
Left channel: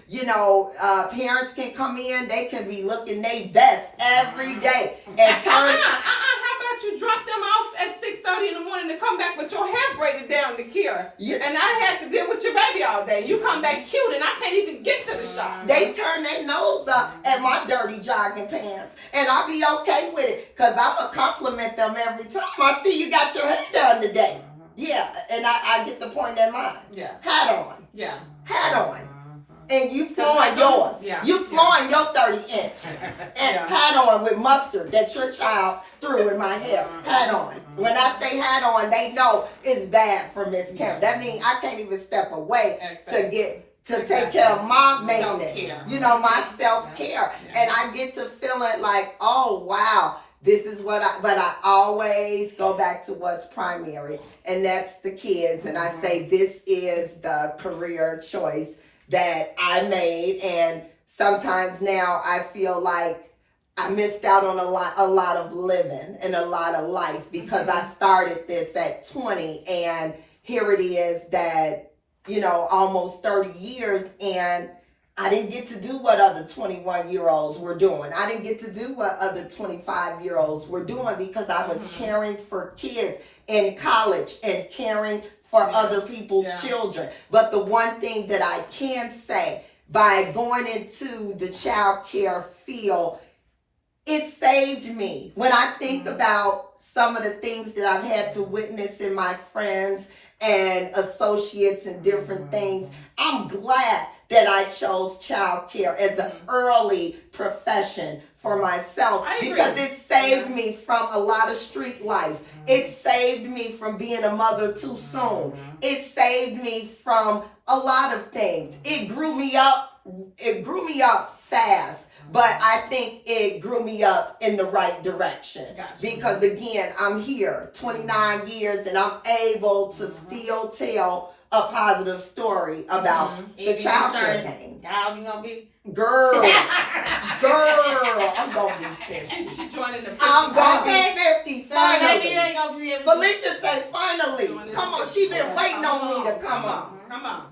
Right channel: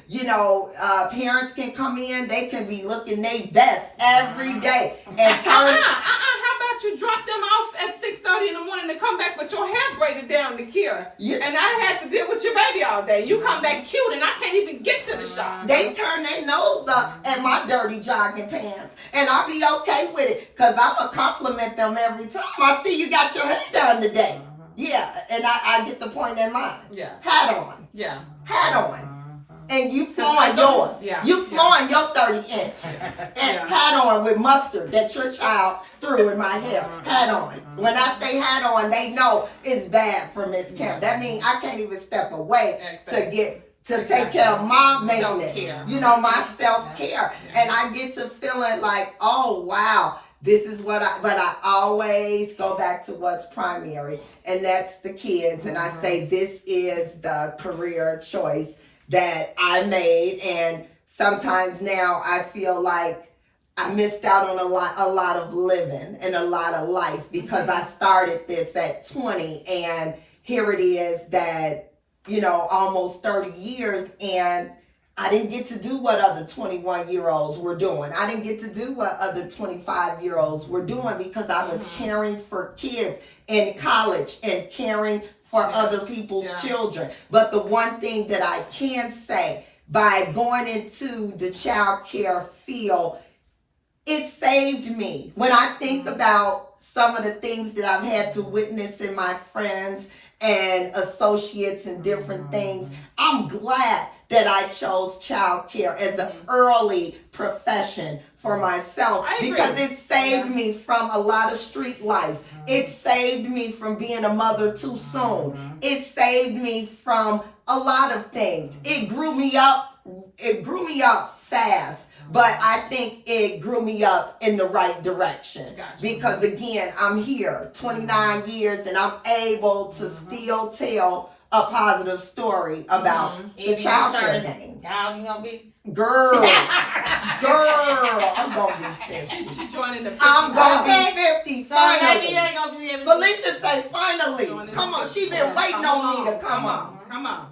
parents can come in, they can be looking their best every day and turn. How about you drop them off at 6:30 in the morning to come back with your hair braided down to cure? Yeah. And I had to deal with your baby all day. You come back cute and I can't even get to the shop. They turn their nose up at my dirty jogging pants, and I'll be okay with it because I'm going to compliment them every time. I see you got your hair done today. Yeah, and I get the point in mind. Yeah. Hat on. Yeah. Hat on. And you 'Cause I flowing don't- yours. yeah, You yeah. flowing your 30-inch. And Yeah. hat on with mustard that your child threw in my hair. Hat on. When I say hat on, they know it's bad for Miss Kemp. That means I can't even step away to take care of my maintenance. Self-care. My self-care. Yeah. And I get to feeling like, oh wow, this is but I always go back to what's primary, and that's the kids. And I say this is the career choice that I made, and sometimes now I feel like I missed out on a lot of living and a lot of life because I started this at 20, and here it is that almost 30 years, and I didn't get to do what other 21-year-olds were doing. I didn't get to do what other 25-year-olds were doing because I was caring for kids in college and caring for other people's children. But the one thing that I can say, by going into the child care field, it saved me. When I think about some of the things that I've had to witness in my friends and associates and different things, I'm glad that I chose child care as an early profession for myself because it saved me from a lot of street life. It saved me from being a mother too soon. It saved me from a lot of things. It grew me up fast but I think it grew me up in the right direction. Gotcha. Because again, I'm here 29 years and I'm able to still tell a positive story about the child care game. How old you gonna be? Girl, I'm gonna be 50. She joining the 50. I'm gonna be 50 So maybe finally. you ain't gonna be able to. Felicia say finally. Joining Come the on, 50. she been waiting on me to come on. Come on.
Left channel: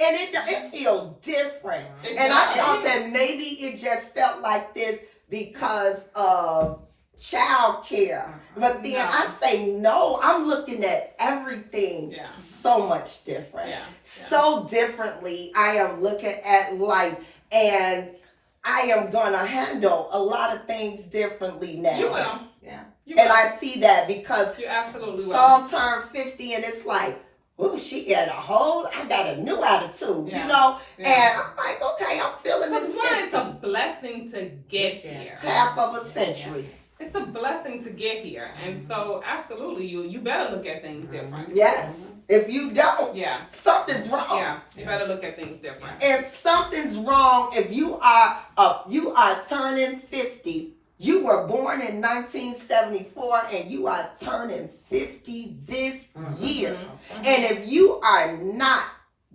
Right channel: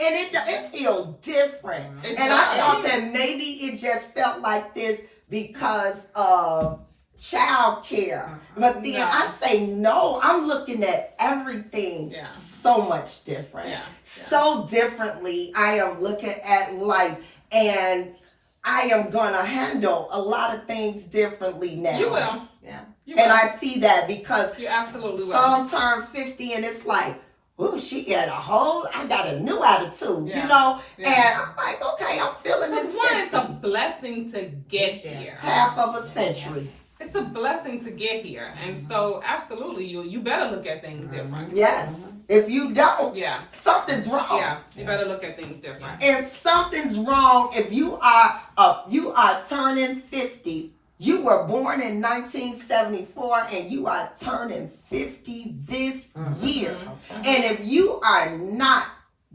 And it feels different. It And I does. thought that maybe it just felt like this because of child care. But then No. I say no, I'm looking at everything Yeah. so much different. Yeah. So differently I am looking at life, and I am gonna handle a lot of things differently now. You will. Yeah. You And will. I see that because You absolutely will. some turn 50 and it's like, oh, she got I got a new attitude, Yeah. you know? Yeah. And I'm like, okay, I'm feeling Because this one, it's a 50. blessing to get here. Half of a century. It's a blessing to get here. And so absolutely you better look at things different. Yes. If you don't, Yeah. something's wrong. Yeah. You better look at things different. And something's wrong if you are turning 50. You were born in 1974 and you are turning 50 this year. Mhm. And if you are not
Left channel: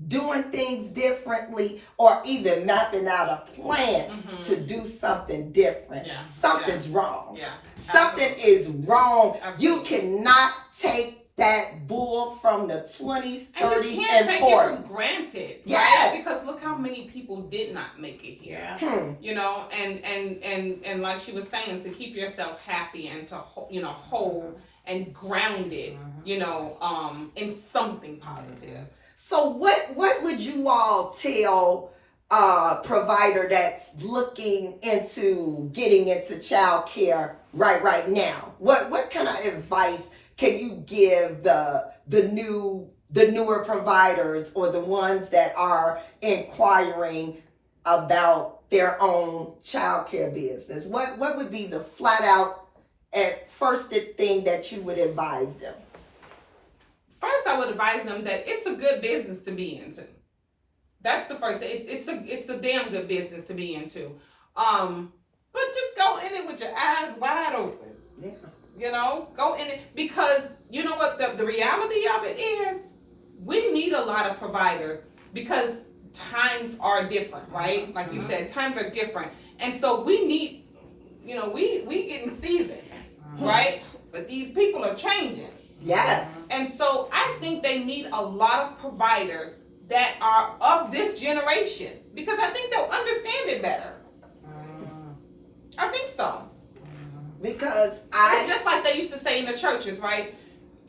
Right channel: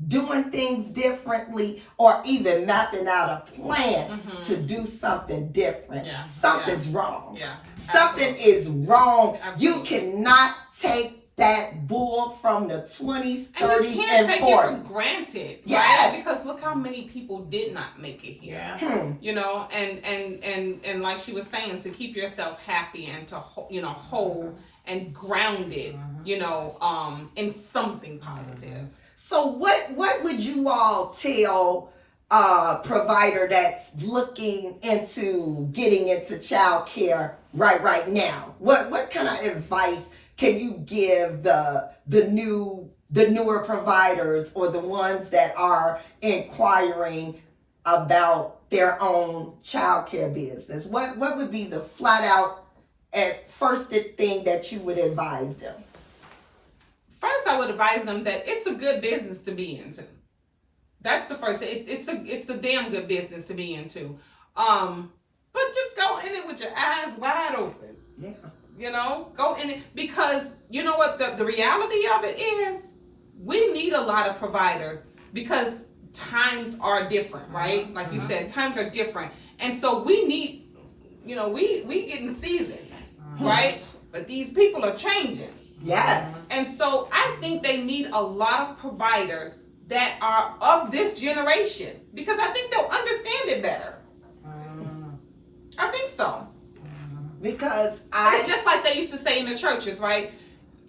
doing things differently or even mapping out a plan Mhm. to do something different, Yeah. something's wrong. Yeah. Something is wrong. You Absolutely. cannot take that bull from the 20s, And 30s, you can't and take 40s. it for granted. Yes. Right? Because look how many people did not make it here. Yeah. You know, and like she was saying, to keep yourself happy and to whole and grounded, in something positive. So what would you all tell a provider that's looking into getting into child care right now? What kind of advice can you give the newer providers or the ones that are inquiring about their own child care business? What would be the flat out at first thing that you would advise them? First, I would advise them that it's a good business to be into. That's the first. It's a damn good business to be into. But just go in it with your eyes wide open. Yeah. Go in it, because you know what the reality of it is, we need a lot of providers because times are different, right? Like you said, times are different. And so we need, we getting seasoned, right? But these people are changing. Yes. And so I think they need a lot of providers that are of this generation, because I think they'll understand it better. I think so. Because It's just like they used to say in the churches, right?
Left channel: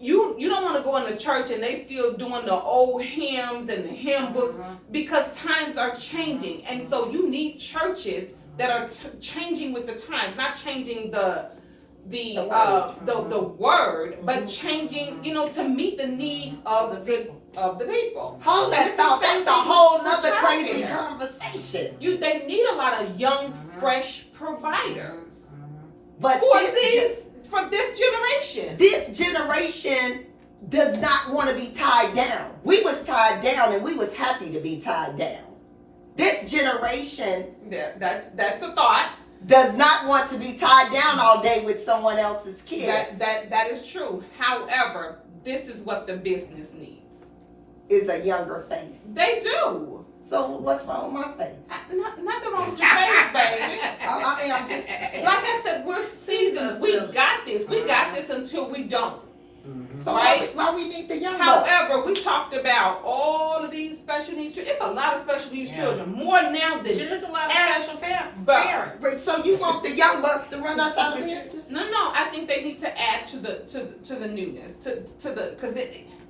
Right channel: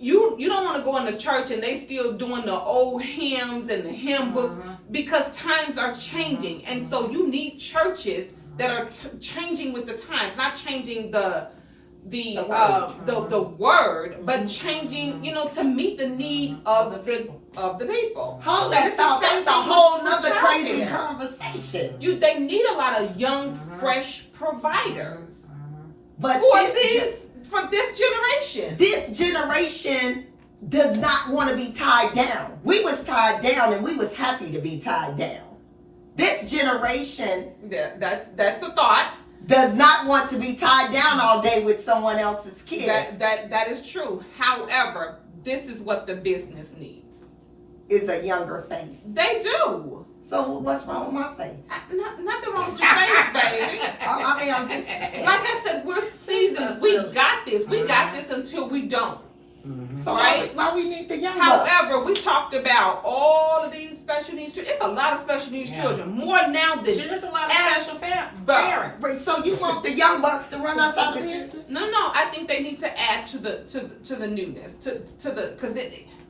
You don't want to go in the church and they still doing the old hymns and the hymn books, because times are changing. And so you need churches that are changing with the times, not changing the word, but changing, to meet the need of the people. hold that And it's the thought. same That's a thing whole with nother child crazy care. conversation. They need a lot of young, fresh providers But for this generation. this generation does not want to be tied down. We was tied down and we was happy to be tied down. This generation That's a thought. does not want to be tied down all day with someone else's kid. That is true. However, this is what the business needs. Is a younger face. They do. So what's wrong with my face? Nothing wrong with your face, baby. I mean, I'm just saying. Like I said, we're seasoned. We got this. We got this until we don't. So right? why we need the young bucks? However, we talked about all of these special needs children. It's a lot of special needs children. More now than There's a lot of special parents. Wait, so you want the young bucks to run us out of business? No. I think they need to add to the newness, because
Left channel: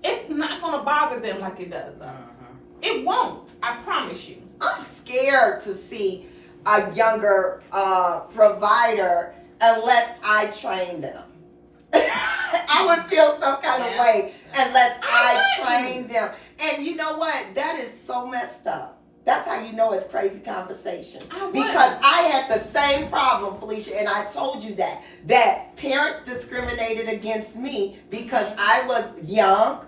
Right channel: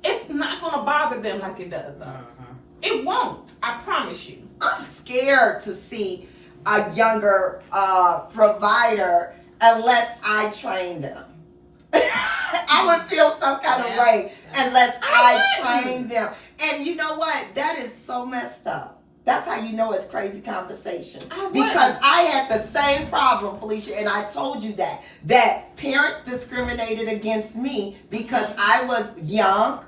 it's not gonna bother them like it does us. It won't. I promise you. I'm scared to see a younger provider unless I train them. I would feel some kind of way unless I train them. And you know what? That is so messed up. That's how you know it's crazy conversation. Because I had the same problem, Felicia, and I told you that parents discriminated against me because I was young,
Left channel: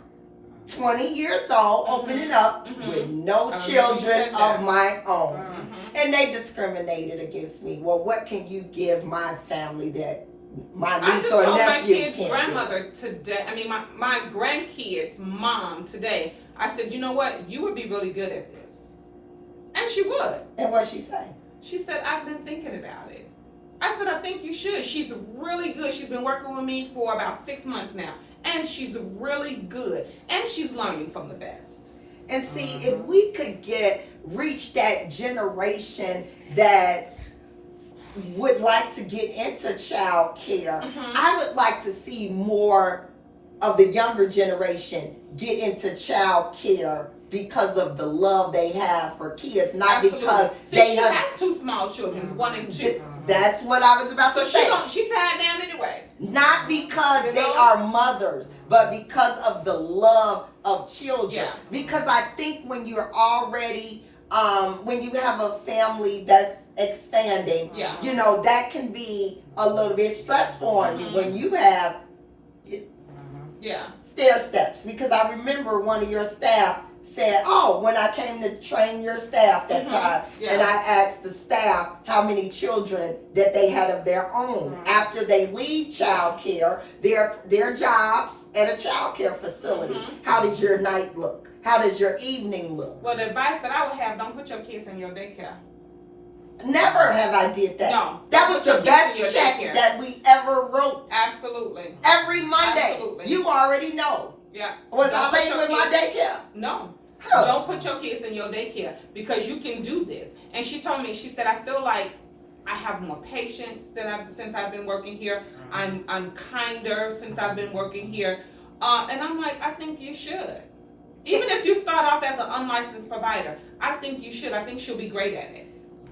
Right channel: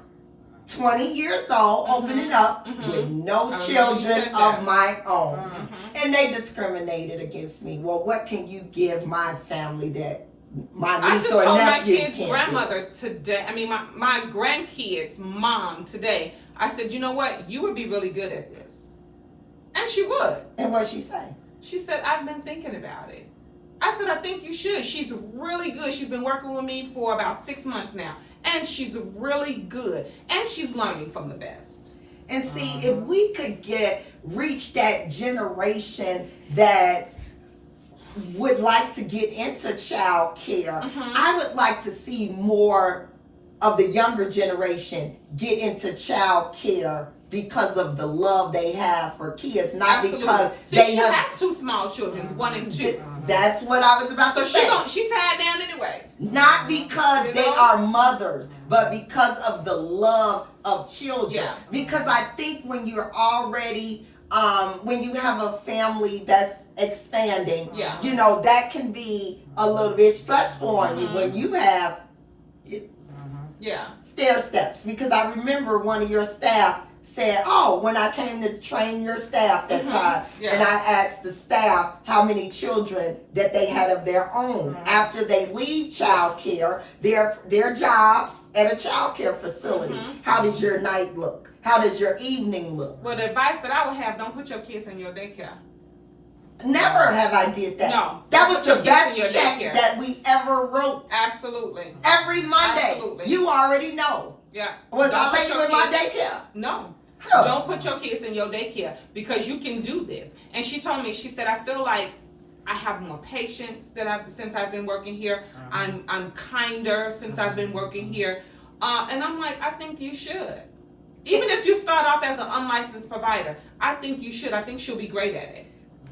20 years old, opening up with no children of my own. And they discriminated against me. Well, what can you give my family that my I niece just or told my nephew kids' can't grandmother today, I mean, my grandkids' mom today, I said, you know what? You would be really good at this. And she would. And what'd she say? She said, I've been thinking about it. I said, I think you should. She's really good. She's been working with me for about 6 months now. And she's really good. And she's learning from the best. And see, if we could reach that generation that would like to get into child care, I would like to see more of the younger generation get into child care because of the love they have for kids, not Absolutely. because See, they she have. has 2 small children, 1 and 2. That's what I was about So to say. she tied down anyway. Not because You they know? are mothers, but because of the love of children. Yeah. Because I think when you're already, when you have a family that's expanding, Yeah. you know, that can be a little bit stressful on you when you have Yeah. stair steps. Because I remember one of your staff said, oh, when I came to train your staff that time, Yeah. and I asked the staff how many children that they had of their own after they leave child care, their jobs at a child care facility. How does your night look? How does your evening look? Well, the advice that I would have, don't put your kids in your daycare. Never have I did that. No. That was Put your the kids best in your check daycare. that we ever wrote. Absolutely. Every Monday. Absolutely. You already know. Yeah. Was Don't I put late your with my kids- daycare? No. Huh. Don't put your kids in your daycare because you can do this. And she told me, she said, I feel like I have more patience since I've been working here. I'm kinder since I've been working here. And I'm like, I think you should. Even if you start off as an unlicensed provider, I think you should. I think she'll be great at it.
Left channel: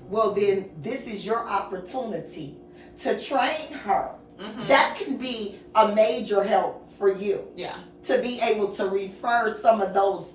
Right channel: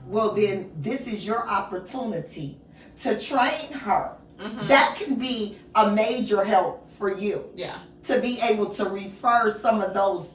Well, then this is your opportunity to train her. That can be a major help for you. Yeah. To be able to refer some of those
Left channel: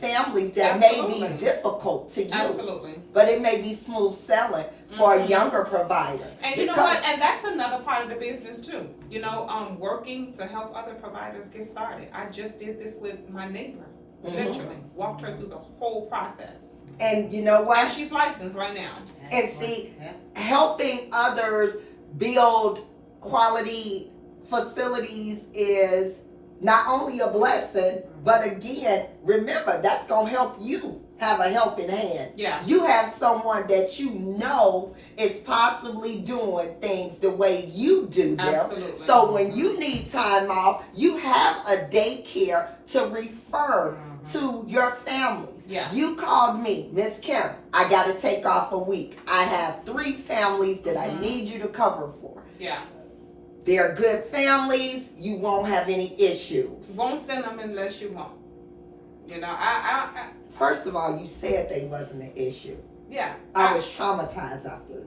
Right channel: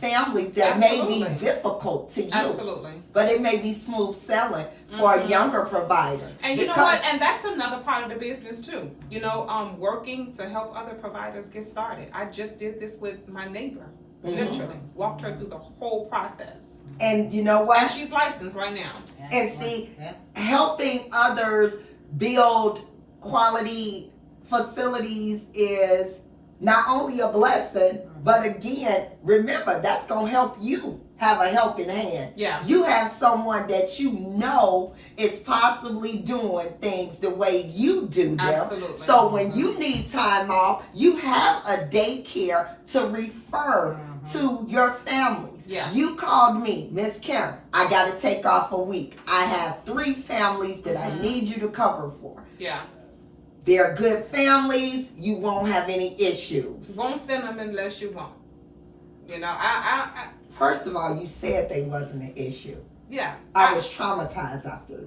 families that Absolutely. may be difficult to you. Absolutely. But it may be smooth selling for a younger provider. And you know what? And that's another part of the business too. You know, working to help other providers get started. I just did this with my neighbor. Literally walked her through the whole process. And you know what? And she's licensed right now. And see, helping others build quality facilities is not only a blessing, but again, remember, that's going to help you have a helping hand. Yeah. You have someone that you know is possibly doing things the way you do them. Absolutely. So when you need time off, you have a daycare to refer to your families. Yeah. You called me, Miss Kim, I got to take off a week. I have 3 families that I need you to cover for. Yeah. They're good families. You won't have any issues. Won't send them unless you want. You know, I First of all, you said they wasn't an issue. yeah. I was traumatized after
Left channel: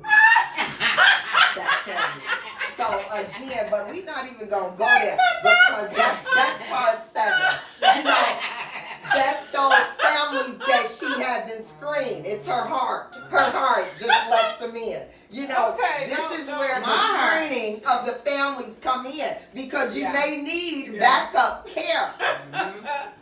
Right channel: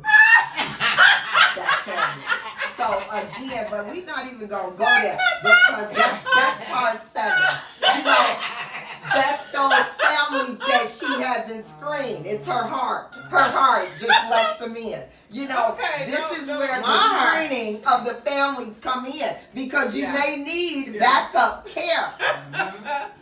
that family. So again, but we're not even gonna go there because that's part 7. You know, that's those families that she hasn't screened. It's her heart. Her heart just lets them in. You know, Okay, this is no, where the my. screening of the families come in because you Yeah. may need Yeah. backup care.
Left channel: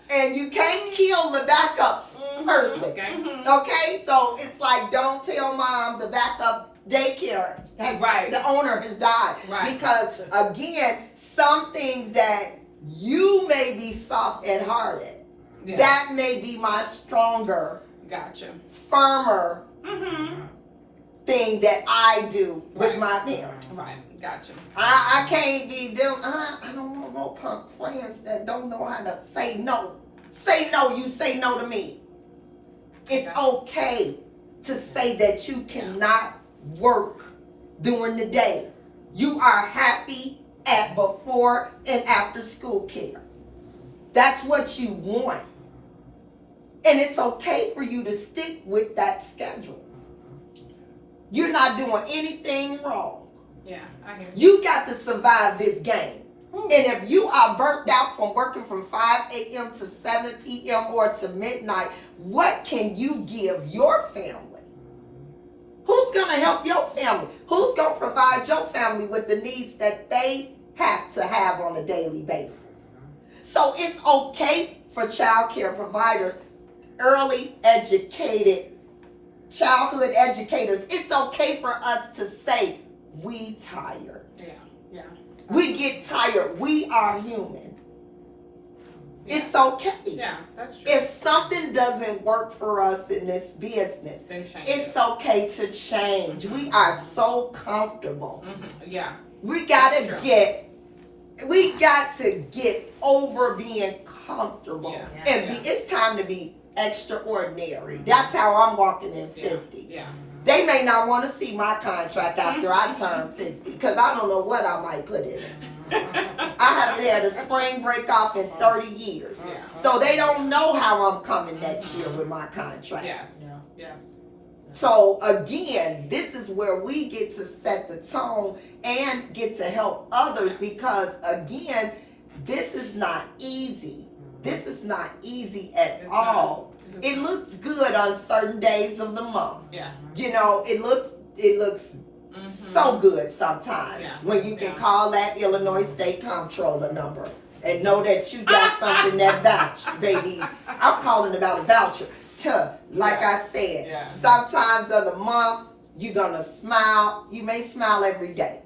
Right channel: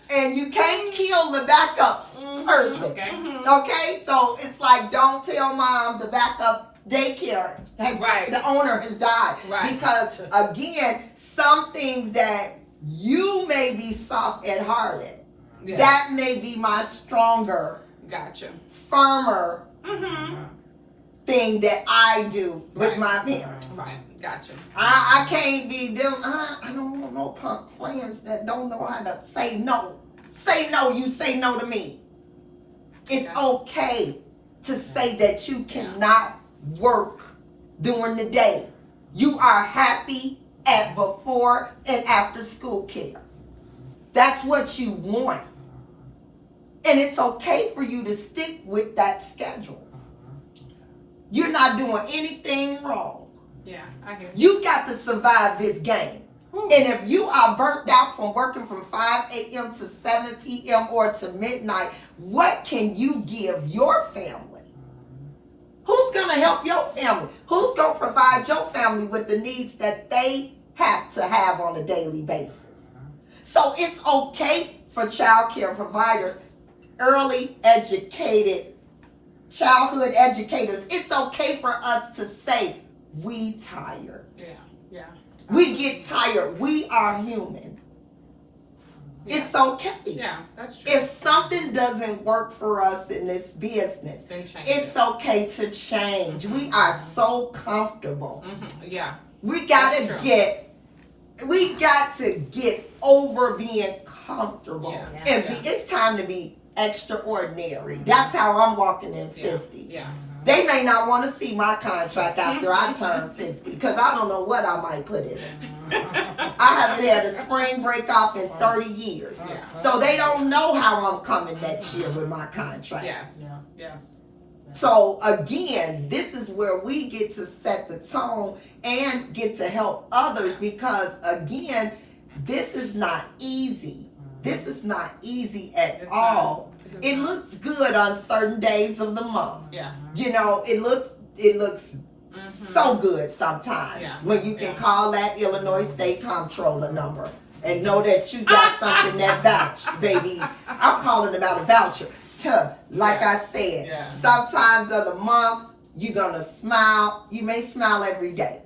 And you can't kill the backup person. Okay. Okay? So it's like, don't tell mom the backup daycare Right. the owner has died. Right. Because again, some things that you may be soft and hearted, Yeah. that may be my stronger, Gotcha. firmer Mm-hmm. thing that I do with Right. my parents. Right. Gotcha. I can't be them. I don't want no punk friends that don't know how to say no. Say no. You say no to me. It's Gotcha. okay to say that you cannot work during the day. You are happy at before and after school care. That's what you want. And it's okay for you to stick with that schedule. You're not doing anything wrong. Yeah, I hear you. You got to survive this game. Whew. And if you are burnt out from working from 5 a.m. to 7 p.m. or to midnight, what can you give your family? Who's going to help your family? Who's going to provide your family with the needs that they have to have on a daily basis? So it's okay for child care providers, early educated childhood educators, it's okay for us to say we tired. Yeah. We get tired. We are human. Yeah. It's okay. Yeah, that's true. If something doesn't work for us in this business, Then change it's it. okay to change. We are so comfortable. Yeah. We That's got to get over being comfortable. Yeah. And it's time to be extraordinary. That's how I'm walking in 50. Yeah. They may not want to see my contract after I turn 50 because I don't know what I might put in it. I haven't had a spring break off in 30 years. Yeah. So they don't know how I'm coming next year with my contract. Yes. Yes. So again, this is where we get to set the tone and get to help others because again, this is not easy. This is not easy at It's all. not. It looks good on certain days of the month. Yeah. You know, it looks so good sometimes Yeah. when you can Yeah. call that Illinois State Comptroller number and know that you got something that vouch, baby. I'm calling about a voucher. Like I said, Yeah. sometimes of the month you're gonna smile. You may smile every day.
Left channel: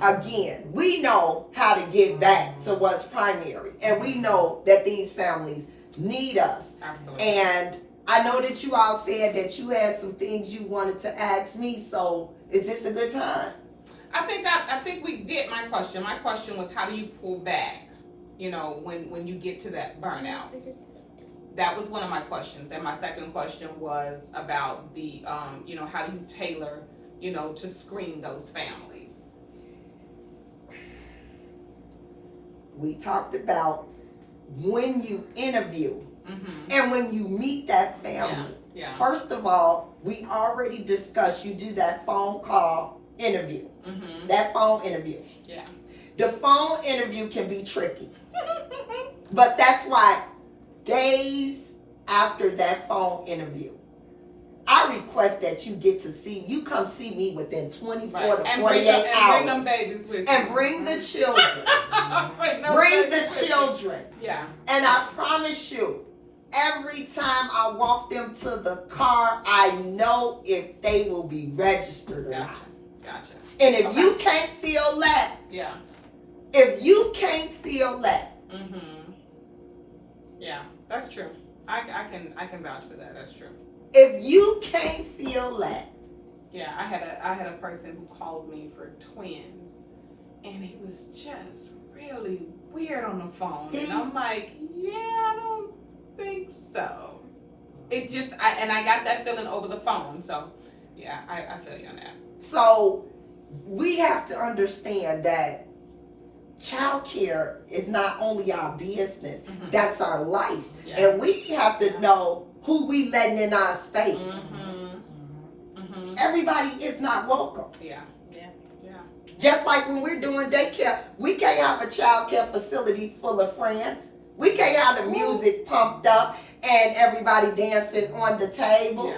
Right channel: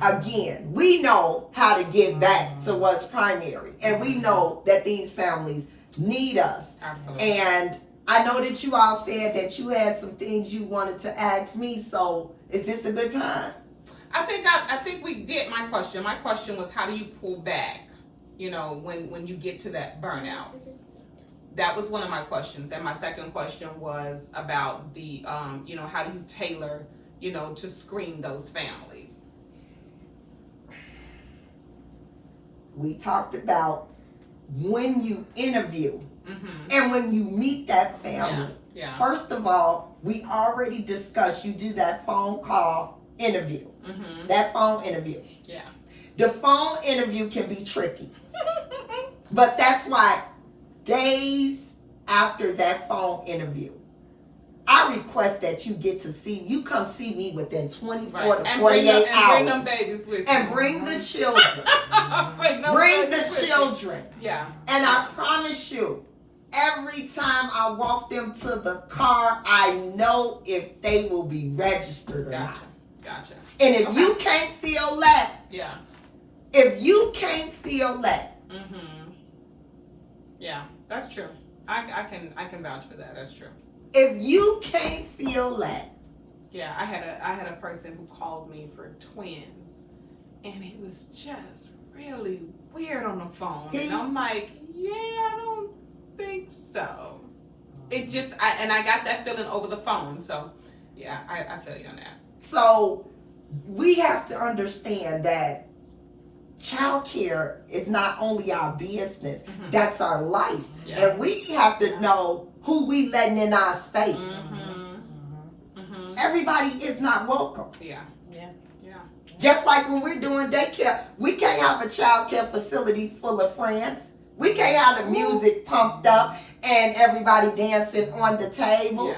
Again, we know how to get back to what's primary, and we know that these families need us. Absolutely. And I know that you all said that you had some things you wanted to ask me, so is this a good time? I think we did my question. My question was, how do you pull back? You know, when you get to that burnout. That was one of my questions, and my second question was about the you know, how do you tailor, you know, to screen those families? We talked about when you interview and when you meet that family. Yeah. First of all, we already discussed you do that phone call interview. That phone interview. Yeah. The phone interview can be tricky. But that's why days after that phone interview, I request that you come see me within 24 to 48 hours. Bring them babies with you. And bring the children. Bring the children. Yeah. And I promise you, every time I walk them to the car, I know if they will be registered or not. Gotcha. And if you can't feel that, yeah. Yeah, that's true. I can vouch for that. That's true. If you can't feel that. Yeah, I had a person who called me for twins, and he was just really weird on the phone, and I'm like, yeah, I don't think so. It just I got that feeling over the phone. So yeah, I feel you on that. So we have to understand that child care is not only our business, that's our life. Yeah. And we have to know who we letting in our space. Everybody is not welcome. Yeah. Just like when we're doing daycare, we can't have a child care facility full of friends. We can't have the music pumped up and everybody dancing on the table.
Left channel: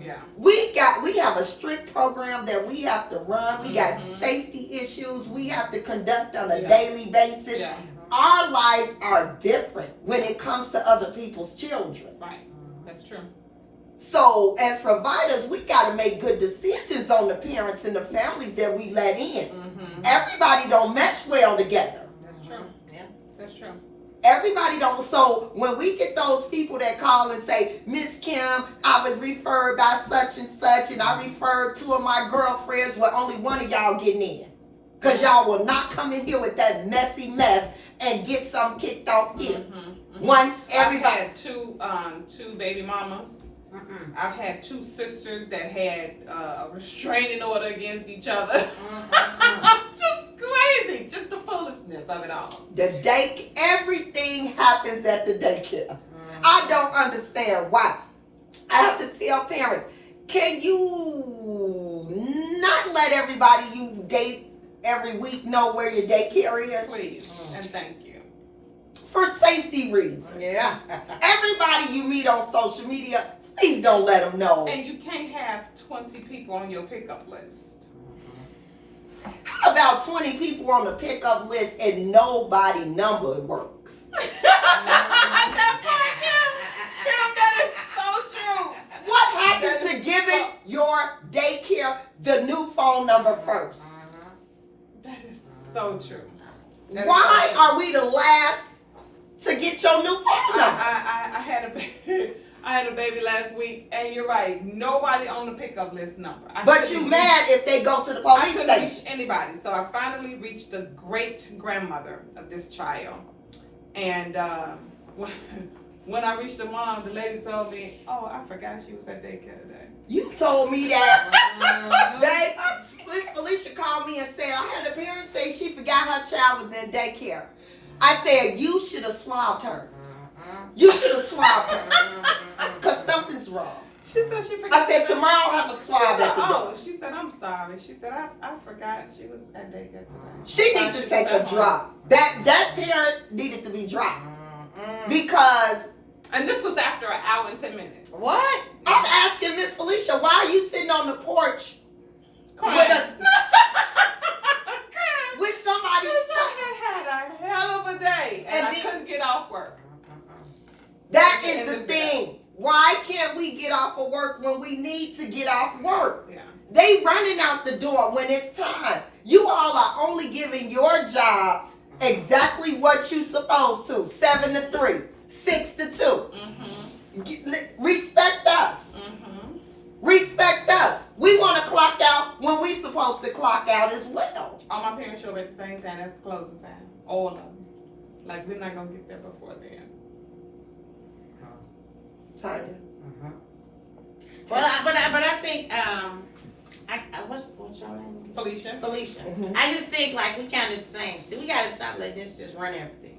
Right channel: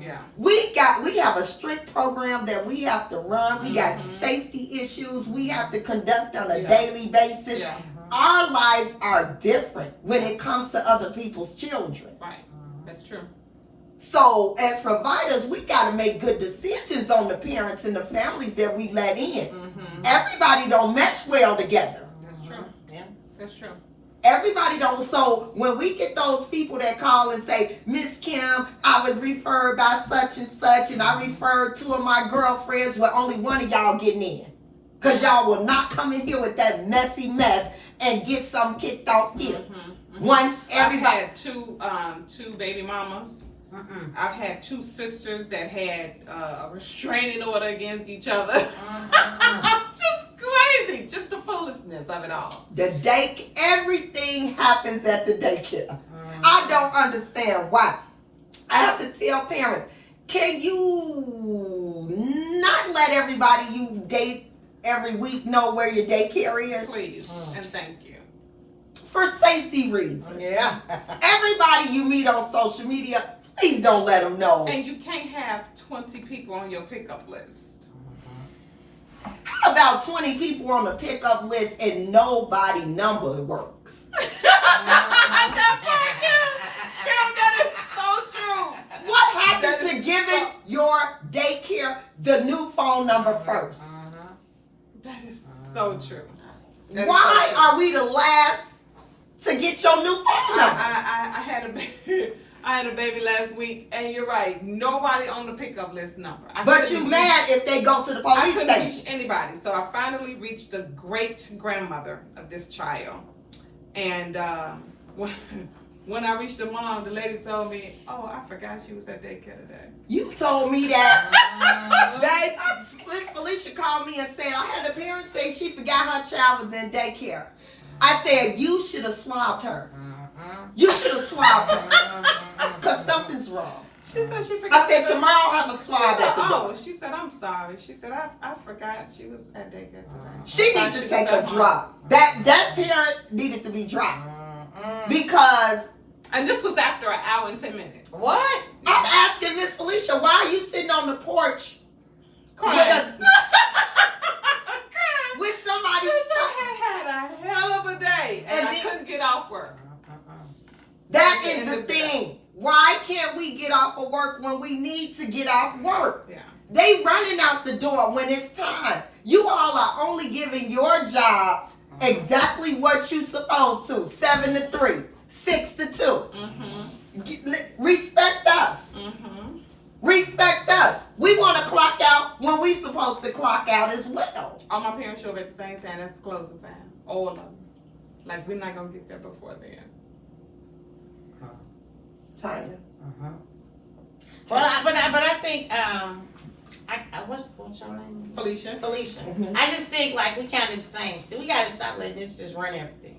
Yeah. We have a strict program that we have to run. We got safety issues we have to conduct on a daily basis. Yeah. Our lives are different when it comes to other people's children. Right. That's true. So as providers, we got to make good decisions on the parents and the families that we let in. Everybody don't mesh well together. That's true. Yeah. That's true. Everybody don't. So when we get those people that call and say, Miss Kim, I was referred by such and such, and I referred two of my girlfriends, well, only one of y'all getting in. Because y'all will not come in here with that messy mess and get something kicked off here. Once everybody. I've had two baby mamas. I've had two sisters that had a restraining order against each other. Just crazy. Just the foolishness of it all. Everything happens at the daycare. I don't understand why. I have to tell parents, can you not let everybody you date every week know where your daycare is? Please, and thank you. For safety reasons. Yeah. Everybody you meet on social media, please don't let them know. And you can't have 20 people on your pickup list. How about 20 people on the pickup list and nobody number works? That is so true. What happened to have given your daycare the new phone number first. That is so true. Why are we the last to get your new phone number? I had a baby. I had a baby last week, and you're right. Nobody on the pickup list number. But you mad if they go to the police I couldn't station. reach anybody, so I finally reached the great grandmother of this child, and when I reached the mom, the lady told me, "Oh, I forgot she was at daycare today." You told me that. Miss Felicia called me and said, I had a parent say she forgot her child was in daycare. I said, you should have swabbed her. You should have swabbed her. Because something's wrong. She said she forgot. I said, tomorrow I'll have a swab at the door. Oh, she said, I'm sorry. She said, I forgot she was at daycare today. She needs to take a drop. That parent needed to be dropped. Because... And this was after an hour and 10 minutes. What? I'm asking Miss Felicia, why are you sitting on the porch Crying. with somebody? I had a hell of a day, and I couldn't get off work. That is the thing. Why can't we get off of work when we need to get off work? Yeah. They running out the door when it's time. You all are only giving your jobs exactly what you supposed to. 7 to 3, 6 to 2. Respect us. Respect us. We want to clock out when we supposed to clock out as well. All my parents show up at the same time. That's closing time. All of them. Like, we're not going to get there before then. Tanya. But I think what's your name? Felicia. I just think like we kind of the same. See, we gotta stop letting this just run everything.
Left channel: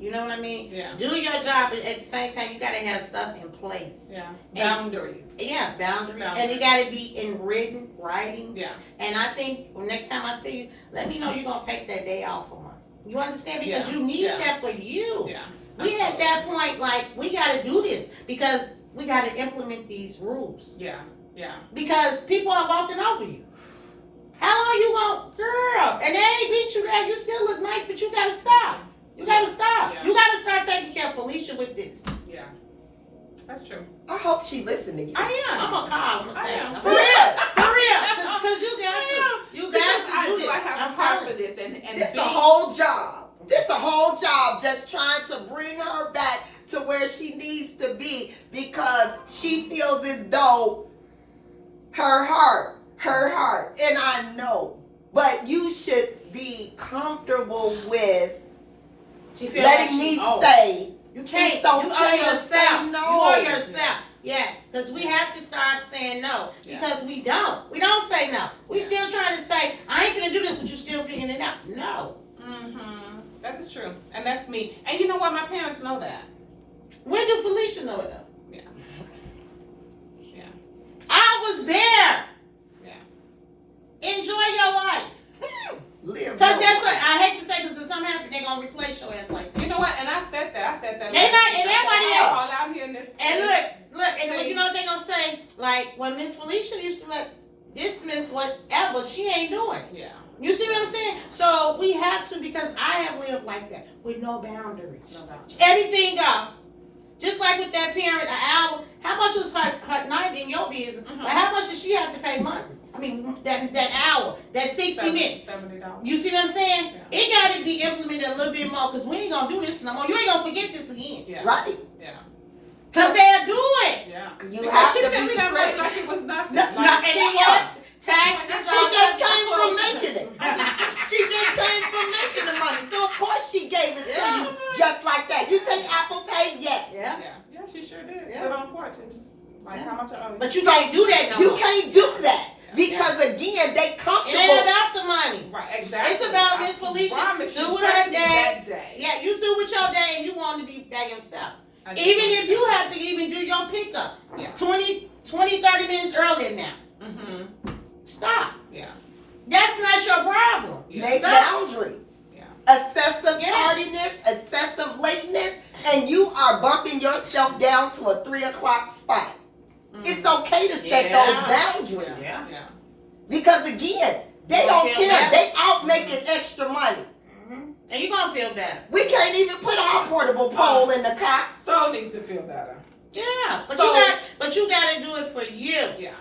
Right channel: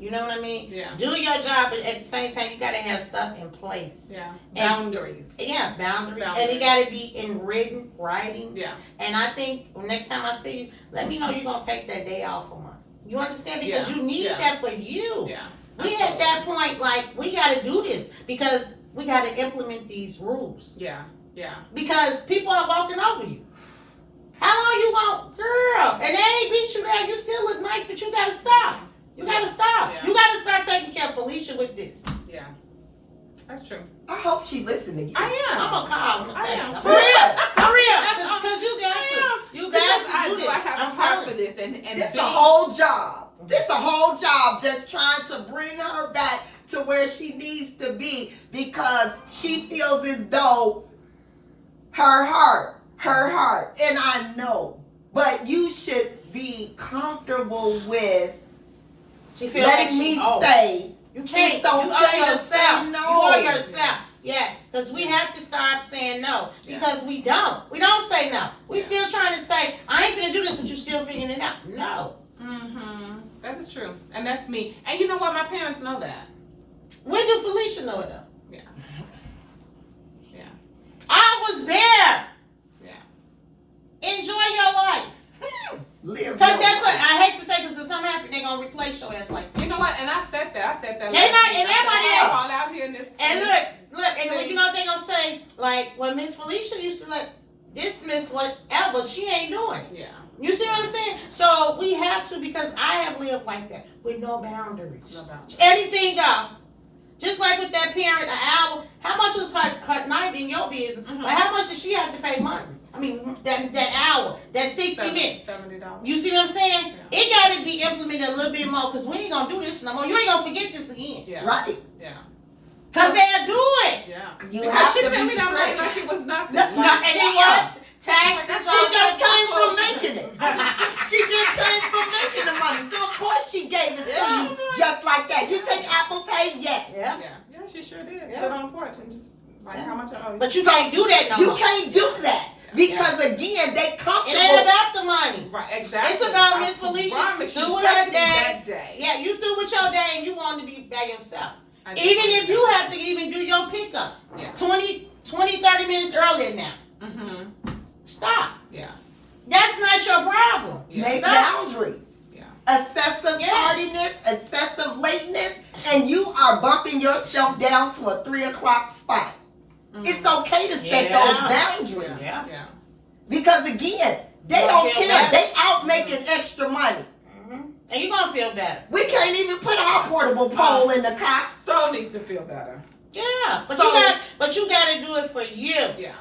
You know what I mean? Yeah. Do your job, but at the same time, you gotta have stuff in place. Yeah. Boundaries. Yeah, boundaries. And it gotta be in writing. Yeah. And I think next time I see you, let me know you're gonna take that day off for month. You understand? Because you need that for you. Yeah. We at that point, like, we gotta do this because we gotta implement these rules. Yeah. Yeah. Because people are walking over you. How long you want, girl? And they ain't beat you down. You still look nice, but you gotta stop. You gotta stop. Yeah. You gotta start taking care of Felicia with this. Yeah. That's true. I hope she listened to you. I am. I'm gonna call. I'm gonna I text. am. For real. Because you got to. You got to do this. I have I'm time telling for this. And This a whole job. This a whole job just trying to bring her back to where she needs to be because she feels as though her heart, and I know, but you should be comfortable with letting me say you can't. it's okay you owe to yourself. say no. You owe yourself. Yes, because we have to start saying no. Because we don't. We don't say no. We still trying to say, I ain't finna do this, but you still figuring it out. No. That is true. And that's me. And you know what? My parents know that. When did Felicia know it though? Yeah. Yeah. I was there. Yeah. Enjoy your life. Live Because your that's what life. I hate to say this. If something happens, they're gonna replace your ass like that. You know what? And I said that. They not, and everybody else. all out here in this. And look, and when you know what they gonna say, like when Miss Felicia used to like dismiss whatever, she ain't doing. Yeah. You see what I'm saying? So we have to, because I have lived like that with no boundaries. No boundaries. Anything go. Just like with that parent, an hour. How much was her night in your business? But how much did she have to pay monthly? I mean, that hour, that 60 minutes. $70. You see what I'm saying? Yeah. It got to be implemented a little bit more because we ain't going to do this no more. You ain't going to forget this again. Yeah. Right. Yeah. Because they'll do it. Yeah. You Because have she to said be we done straight. made like it was nothing. And Like, then what? Taxes. She just came from making it. She just came from making the money. So of course she gave it to you just like that. You take Apple Pay, yes. Yeah. Yeah, she sure did. Yeah. Sit on the porch and just like how much I owe you. But you can't do that no You more. can't do that. Because again, they It comfortable. ain't about the money. Right, exactly. It's about I Miss Felicia. promise you, Do with her especially day. that day. Yeah, you do with your day and you want to be by yourself. I do Even want if to you do have to even do your pickup. Yeah. 20, 30 minutes earlier now. that. Stop. Yeah. That's not your problem. Yeah. Make Stop. boundaries. Yeah. Excessive Yeah. tardiness, excessive lateness, and you are bumping yourself down to a 3 o'clock spot. It's okay to set Yeah. those boundaries. Yeah. Yeah. Because again, they You don't don't feel care. bad? They out making extra money. And you're going to feel better. We can't even put our portable pole in the car. So need to feel better. Yeah, but So- you got to do it for you. Yeah.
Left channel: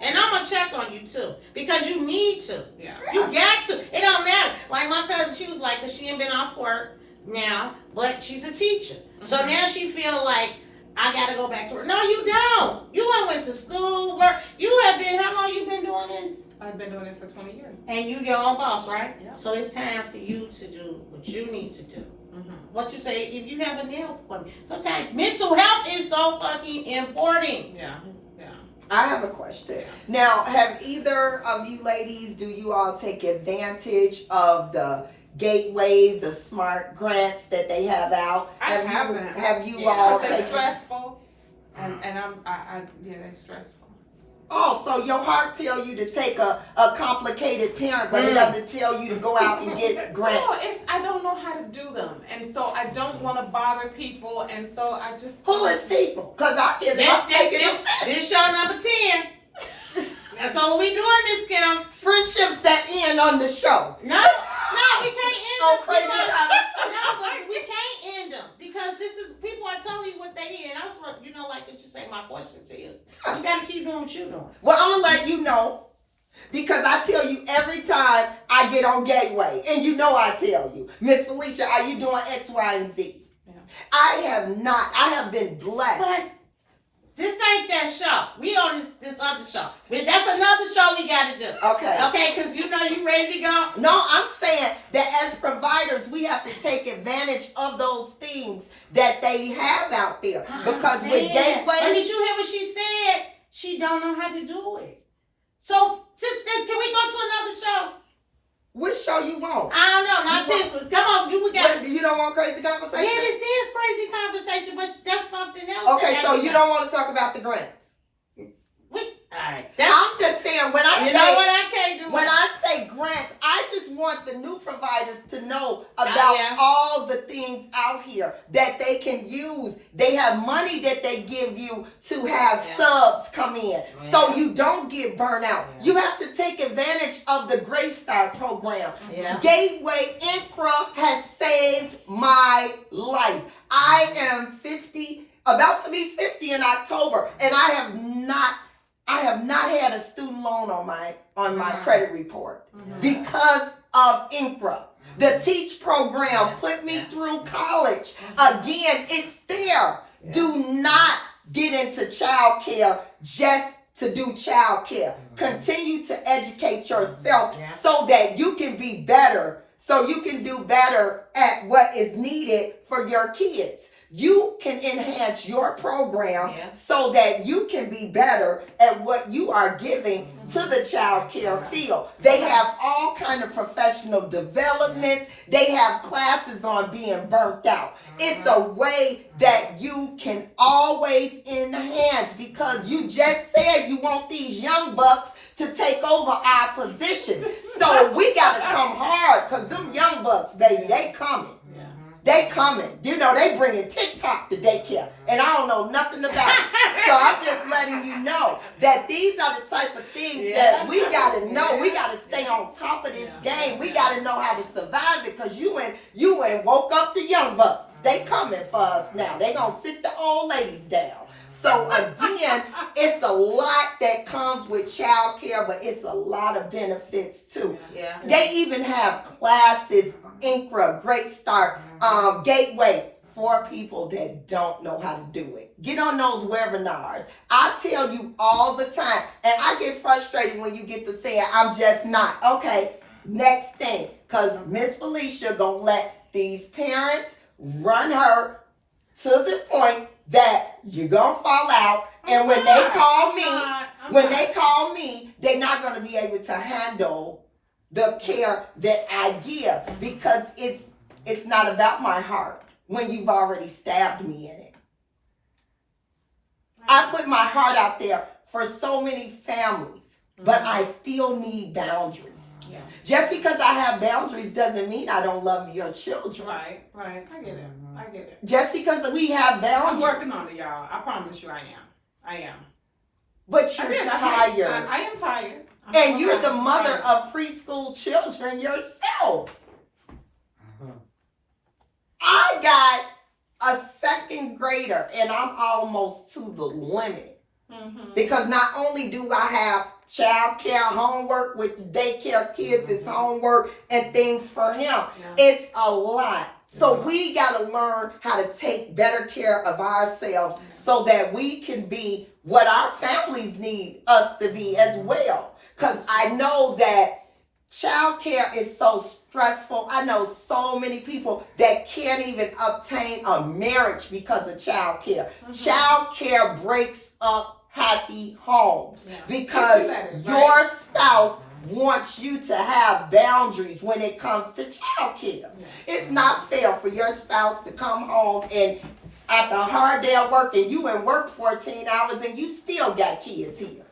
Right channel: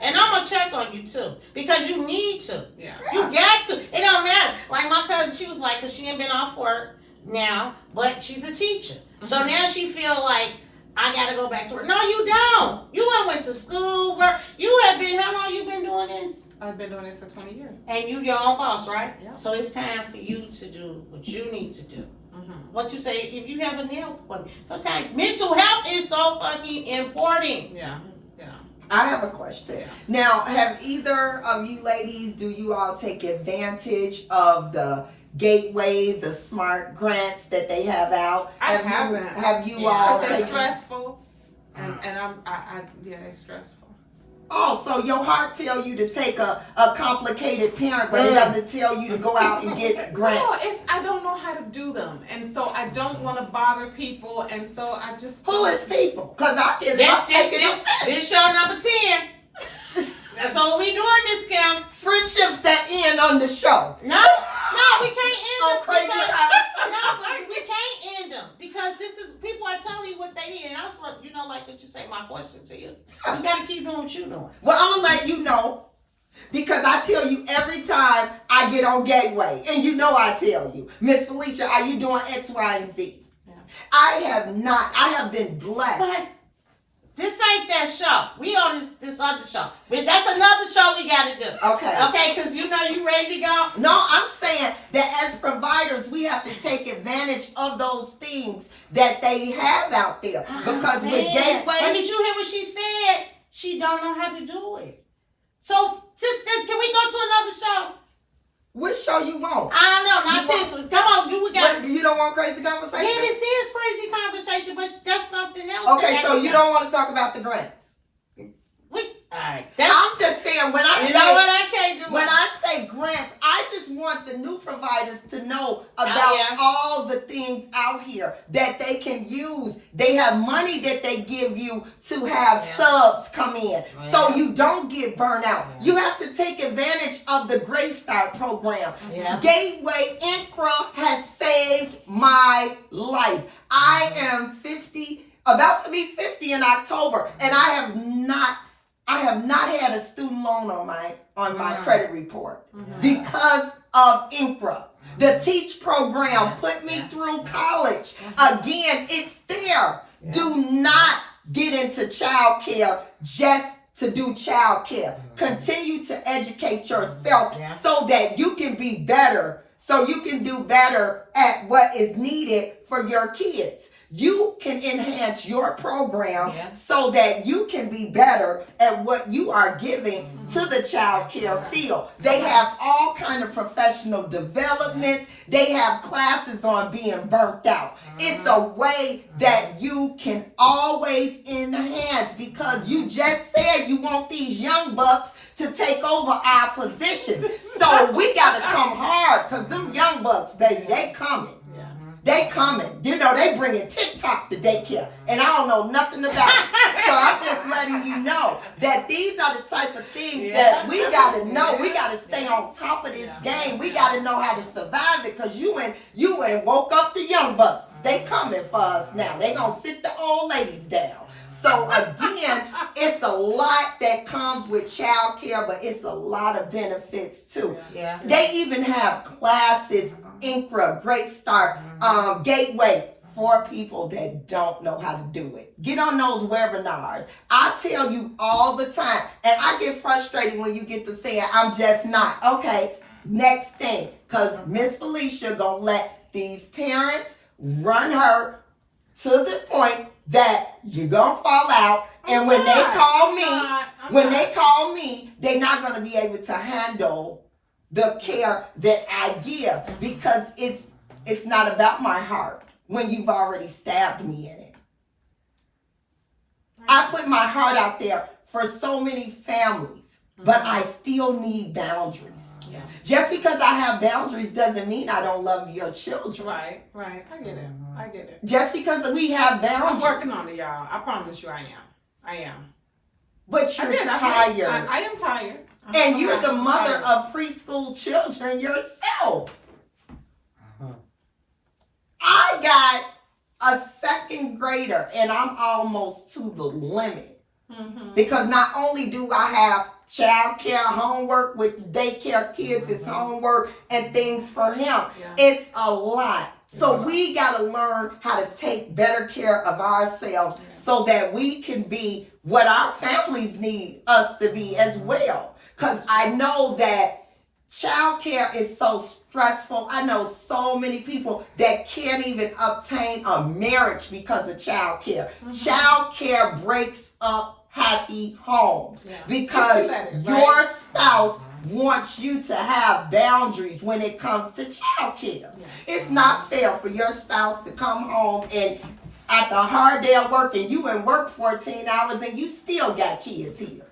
And I'm gonna check on you too because you need to. Yeah. You got to. It don't matter. Like my cousin, she was like, cause she ain't been off work now, but she's a teacher. So now she feel like I gotta go back to work. No, you don't. You went to school. You have been. How long you been doing this? I've been doing this for 20 years. And you your own boss, right? Yeah. So it's time for you to do what you need to do. Mm-hmm. What you say, if you have a nail appointment, sometimes mental health is so fucking important. Yeah. Yeah. I have a question. Yeah. Now, have either of you ladies, do you all take advantage of the Gateway, the SMART grants that they have out? I haven't. Have you Yeah. all It's taken? stressful. And yeah, it's stressful. Oh, so your heart tell you to take a complicated parent, but it doesn't tell you to go out and get grants. No, I don't know how to do them, and so I don't want to bother people, and so I just. Who is people? Cause I can. This show number 10. That's all we doing this camp. Friendships that end on the show. No, we can't end Oh, them. crazy because- conversation. No, but we can't end them because this is people are telling you what they hear. And I was, like what you say. My question to you: you got to keep doing what you doing. Well, I'm gonna let you know because I tell you every time I get on Gateway, and you know I tell you, Miss Felicia, are you doing X, Y, and Z? Yeah. I have not. I have been blessed. But this ain't that show. We on this other show. That's another show we got to do. Okay. Okay, because you ready to go. No, I'm saying that as providers, we have to take advantage of those things that they have out there. Because with And Gateway, did you hear what she said? She don't know how to do it. So just can we go to another show? which show you want? I don't know, not You this one. Come on, we got. Wait, you don't want crazy Yeah, conversation? this is crazy conversation, but that's something else. Okay, so you don't want to talk about the grants. All right. That's, I'm just saying when I you say know what I can't do. when I say grants, I just want the new providers to know about yeah. all the things out here that they can use. They have money that they give you to have subs come in, so you don't get burnt out. You have to take advantage of the Grace Start program. Yeah. Gateway Incra has saved my life. I am 50, about to be 50 in October, and I have not had a student loan on my credit report because of Incra. The Teach program put me through college. Again, it's there. Do not get into child care just to do child care. Continue to educate yourself so that you can be better, so you can do better at what is needed for your kids. You can enhance your program so that you can be better at what you are giving to the child care field. They have all kind of professional developments. They have classes on being burnt out. It's a way that you can always enhance because you just said you want these young bucks to take over our position. So we got to come hard because them young bucks, baby, they coming. They coming. You know, they bringing TikTok to daycare. And I don't know nothing about it. So I'm just letting you know that these are the type of things that we got to know. We got to stay on top of this game. We got to know how to survive it because you ain't woke up the young bucks. They coming for us now. They going to sit the old ladies down. So again, it's a lot that comes with child care, but it's a lot of benefits too. Yeah. They even have classes, Incra, Great Start, Gateway, for people that don't know how to do it. Get on those webinars. I tell you all the time, and I get frustrated when you get to say, I'm just not. Okay, next thing, because Miss Felicia gonna let these parents run her to the point that you're gonna fall out, and when they call me, they're not gonna be able to handle the care that I give because it's not about my heart when you've already stabbed me in it. I put my heart out there for so many families, but I still need boundaries. Yeah. Just because I have boundaries doesn't mean I don't love your children. Right. I get it. I get it. Just because we have boundaries. I'm working on it, y'all. I promise you I am. But you're tired. I am tired. And you're the mother of preschool children yourself. I got a second grader, and I'm almost to the limit. Mm-hmm. Because not only do I have child care, homework with daycare kids, it's homework and things for him. Yeah. It's a lot. So we got to learn how to take better care of ourselves so that we can be what our families need us to be as well. Because I know that child care is so stressful. I know so many people that can't even obtain a marriage because of child care. Child care breaks up happy homes because your spouse wants you to have boundaries when it comes to child care. It's not fair for your spouse to come home and after a hard day at work and you in work 14 hours and you still got kids here.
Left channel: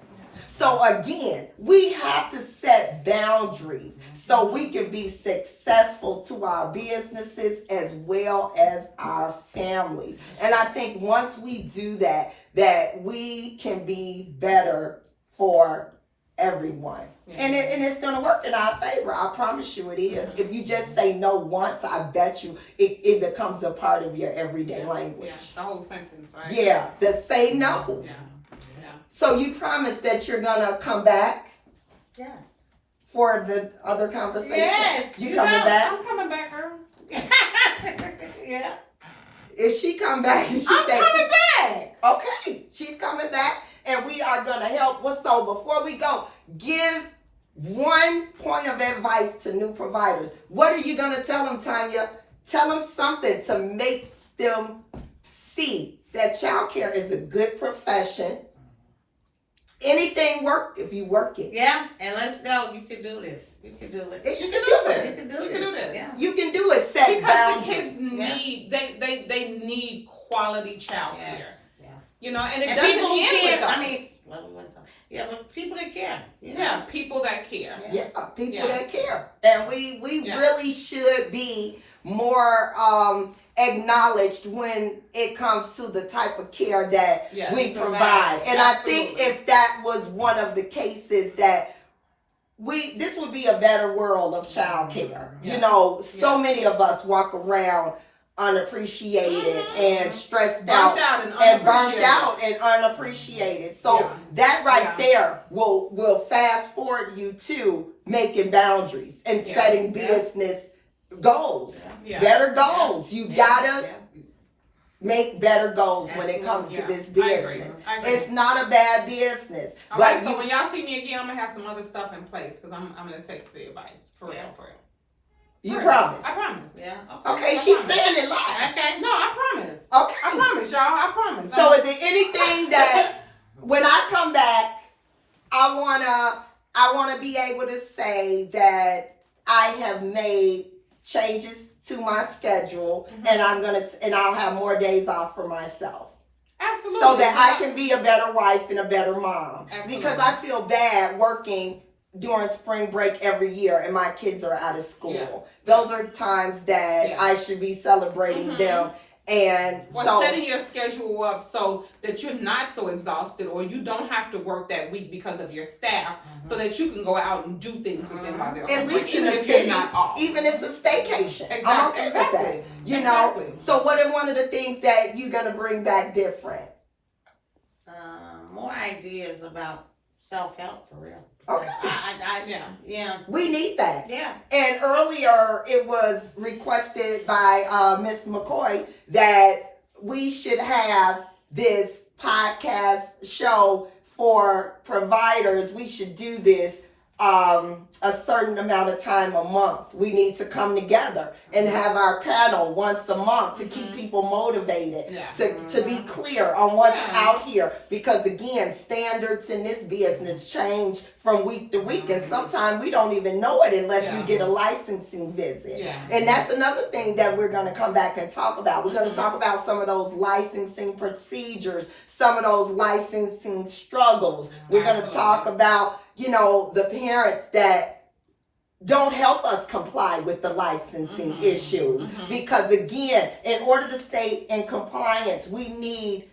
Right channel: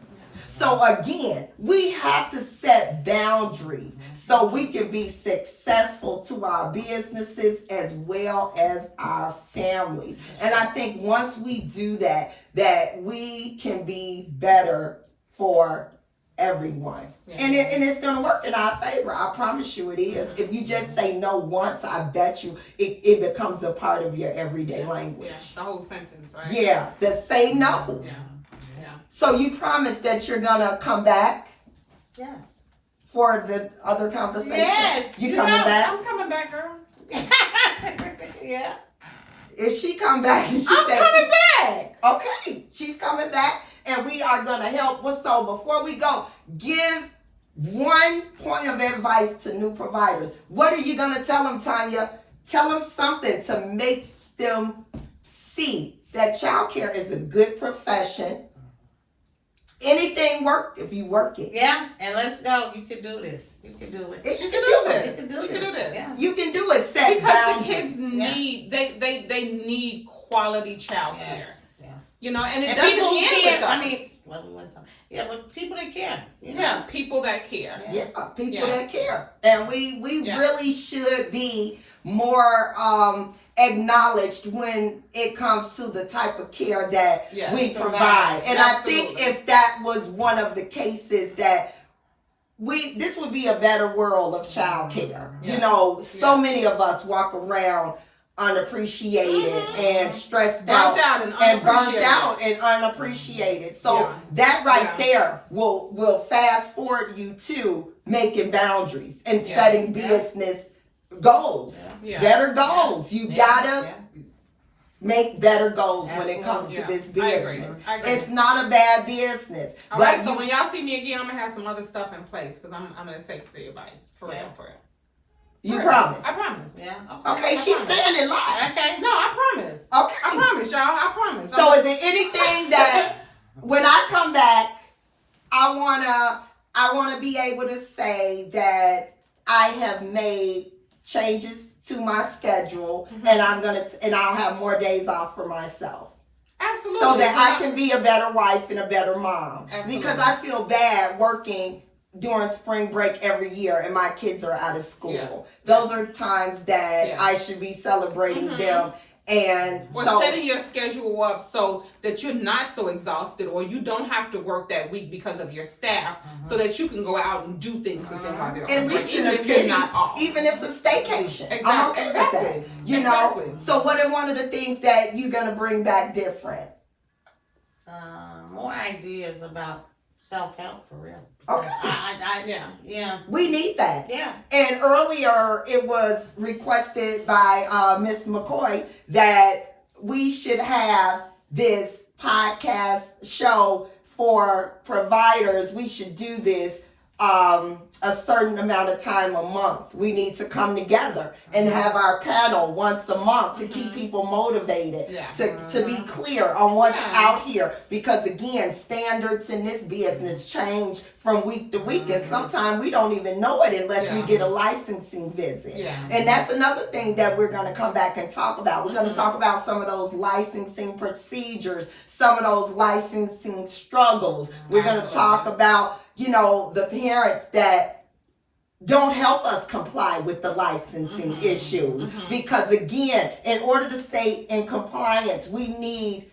So again, we have to set boundaries so we can be successful to our businesses as well as our families. And I think once we do that, that we can be better for everyone. And it's going to work in our favor. I promise you it is. If you just say no once, I bet you it becomes a part of your everyday language. Yeah, the whole sentence, right? Yeah, the say no. Yeah. So you promise that you're gonna come back Yes. for the other conversation? Yes. You coming back? I'm coming back, girl. Yeah. If she come back and she I'm say, coming back. okay, she's coming back and we are gonna help. So before we go, give one point of advice to new providers. What are you gonna tell them, Tanya? Tell them something to make them see that childcare is a good profession. Anything work if you work it. Yeah, and let's go. You can do this. You can do it. You can do this. You can do You this. can do this. Yeah. You can do it. Set Because boundaries. the kids need they need quality child care. Yes. Yeah. You know, and it And doesn't people who end care. with us. I mean, well, we went to, yeah, but people that care. You know? Yeah, people that care. Yeah, people Yeah. that care. And we Yeah. really should be more acknowledged when it comes to the type of care that Yes. we provide. And I think Absolutely. if that was one of the cases that this would be a better world of child care. Yeah. You know, so Yeah. many of us walk around unappreciated and stressed Burnt out. out and And burnt unappreciated. out and unappreciated. So Yeah. that right Yeah. there will fast forward you to making boundaries and Yeah. setting business goals. Yeah. Better goals. You gotta Yeah. make better goals when it comes Yeah. to this I agree. business. I agree. It's not a bad business. All but right, so you- when y'all see me again, I'm gonna have some other stuff in place because I'm gonna take the advice for real, for real. you For real. promise. I promise. Yeah. Okay, I she's promise. saying it live. Okay. No, I promise. Okay. I promise, y'all. I promise. So is there anything that when I come back, I wanna be able to say that I have made changes to my schedule and I'll have more days off for myself. Absolutely. So that I can be a better wife and a better mom. Absolutely. Because I feel bad working during spring break every year and my kids are out of school. Yeah. Those are times that Yeah. I should be celebrating Mhm. them. And Or so setting your schedule up so that you're not so exhausted or you don't have to work that week because of your staff so that you can go out and do things with them while they're at on break, least in even the if you're city, not off. even if it's a staycation, I'm Exactly. okay Exactly. with that. You know? Exactly. So what are one of the things that you're gonna bring back different? More ideas about self-help for real. Okay. Yeah. We need that. Yeah. And earlier it was requested by Miss McCoy that we should have this podcast show for providers. We should do this a certain amount of time a month. We need to come together and have our panel once a month to keep people motivated, Yeah. to be clear on what's Yeah. out here. Because again, standards in this business change from week to week, and sometimes we don't even know it unless we Yeah. get a licensing visit. Yeah. And that's another thing that we're going to come back and talk about. We're going to talk about some of those licensing procedures, some of those licensing struggles. We're going to Absolutely. talk about, the parents that don't help us comply with the licensing issues. Because again, in order to stay in compliance, we need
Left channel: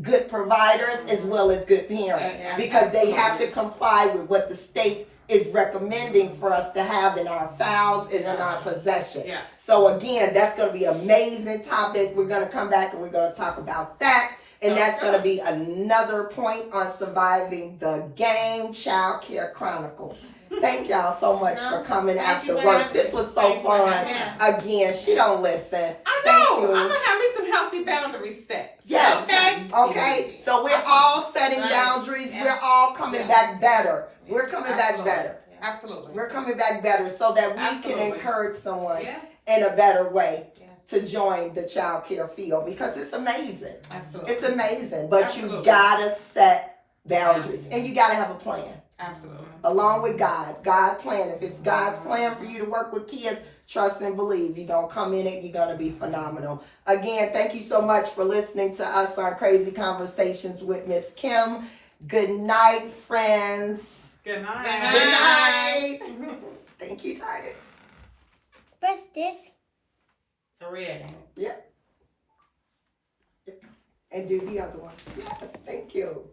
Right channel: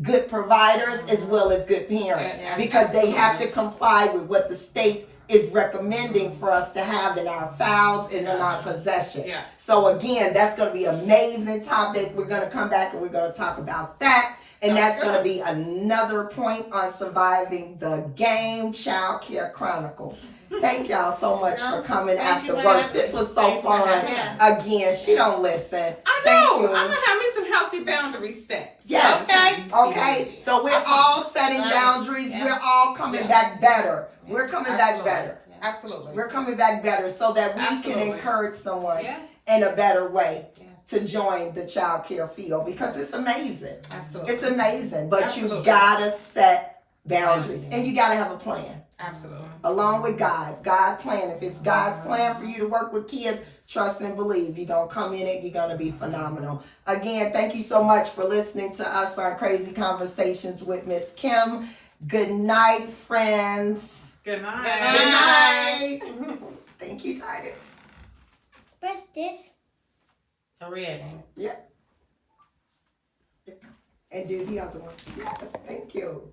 good providers as well as good parents, Yeah, because they have to comply with what the state is recommending for us to have in our files and in our possession. Yeah. So again, that's going to be an amazing topic. We're going to come back and we're going to talk about that. And that's going to be another point on surviving the game, Child Care Chronicles. Thank y'all so much for coming after work. This was so fun. Again, she don't listen. I Thank know. you. I'm gonna have me some healthy boundaries set. Yes. Okay. So we're all setting boundaries. We're all coming back better. We're coming back better. Absolutely. We're coming back better so that we can encourage someone in a better way to join the child care field, because it's amazing. Absolutely. It's amazing. But you gotta set boundaries and you gotta have a plan. Absolutely. Along with God's plan. If it's God's plan for you to work with kids, trust and believe. You're going to come in it. You're going to be phenomenal. Again, thank you so much for listening to us on Crazy Conversations with Miss Kim. Good night, friends. Good night. Good night. Thank you, Tiger. Press this. Red. Yeah. And do the other one. Yes, thank you.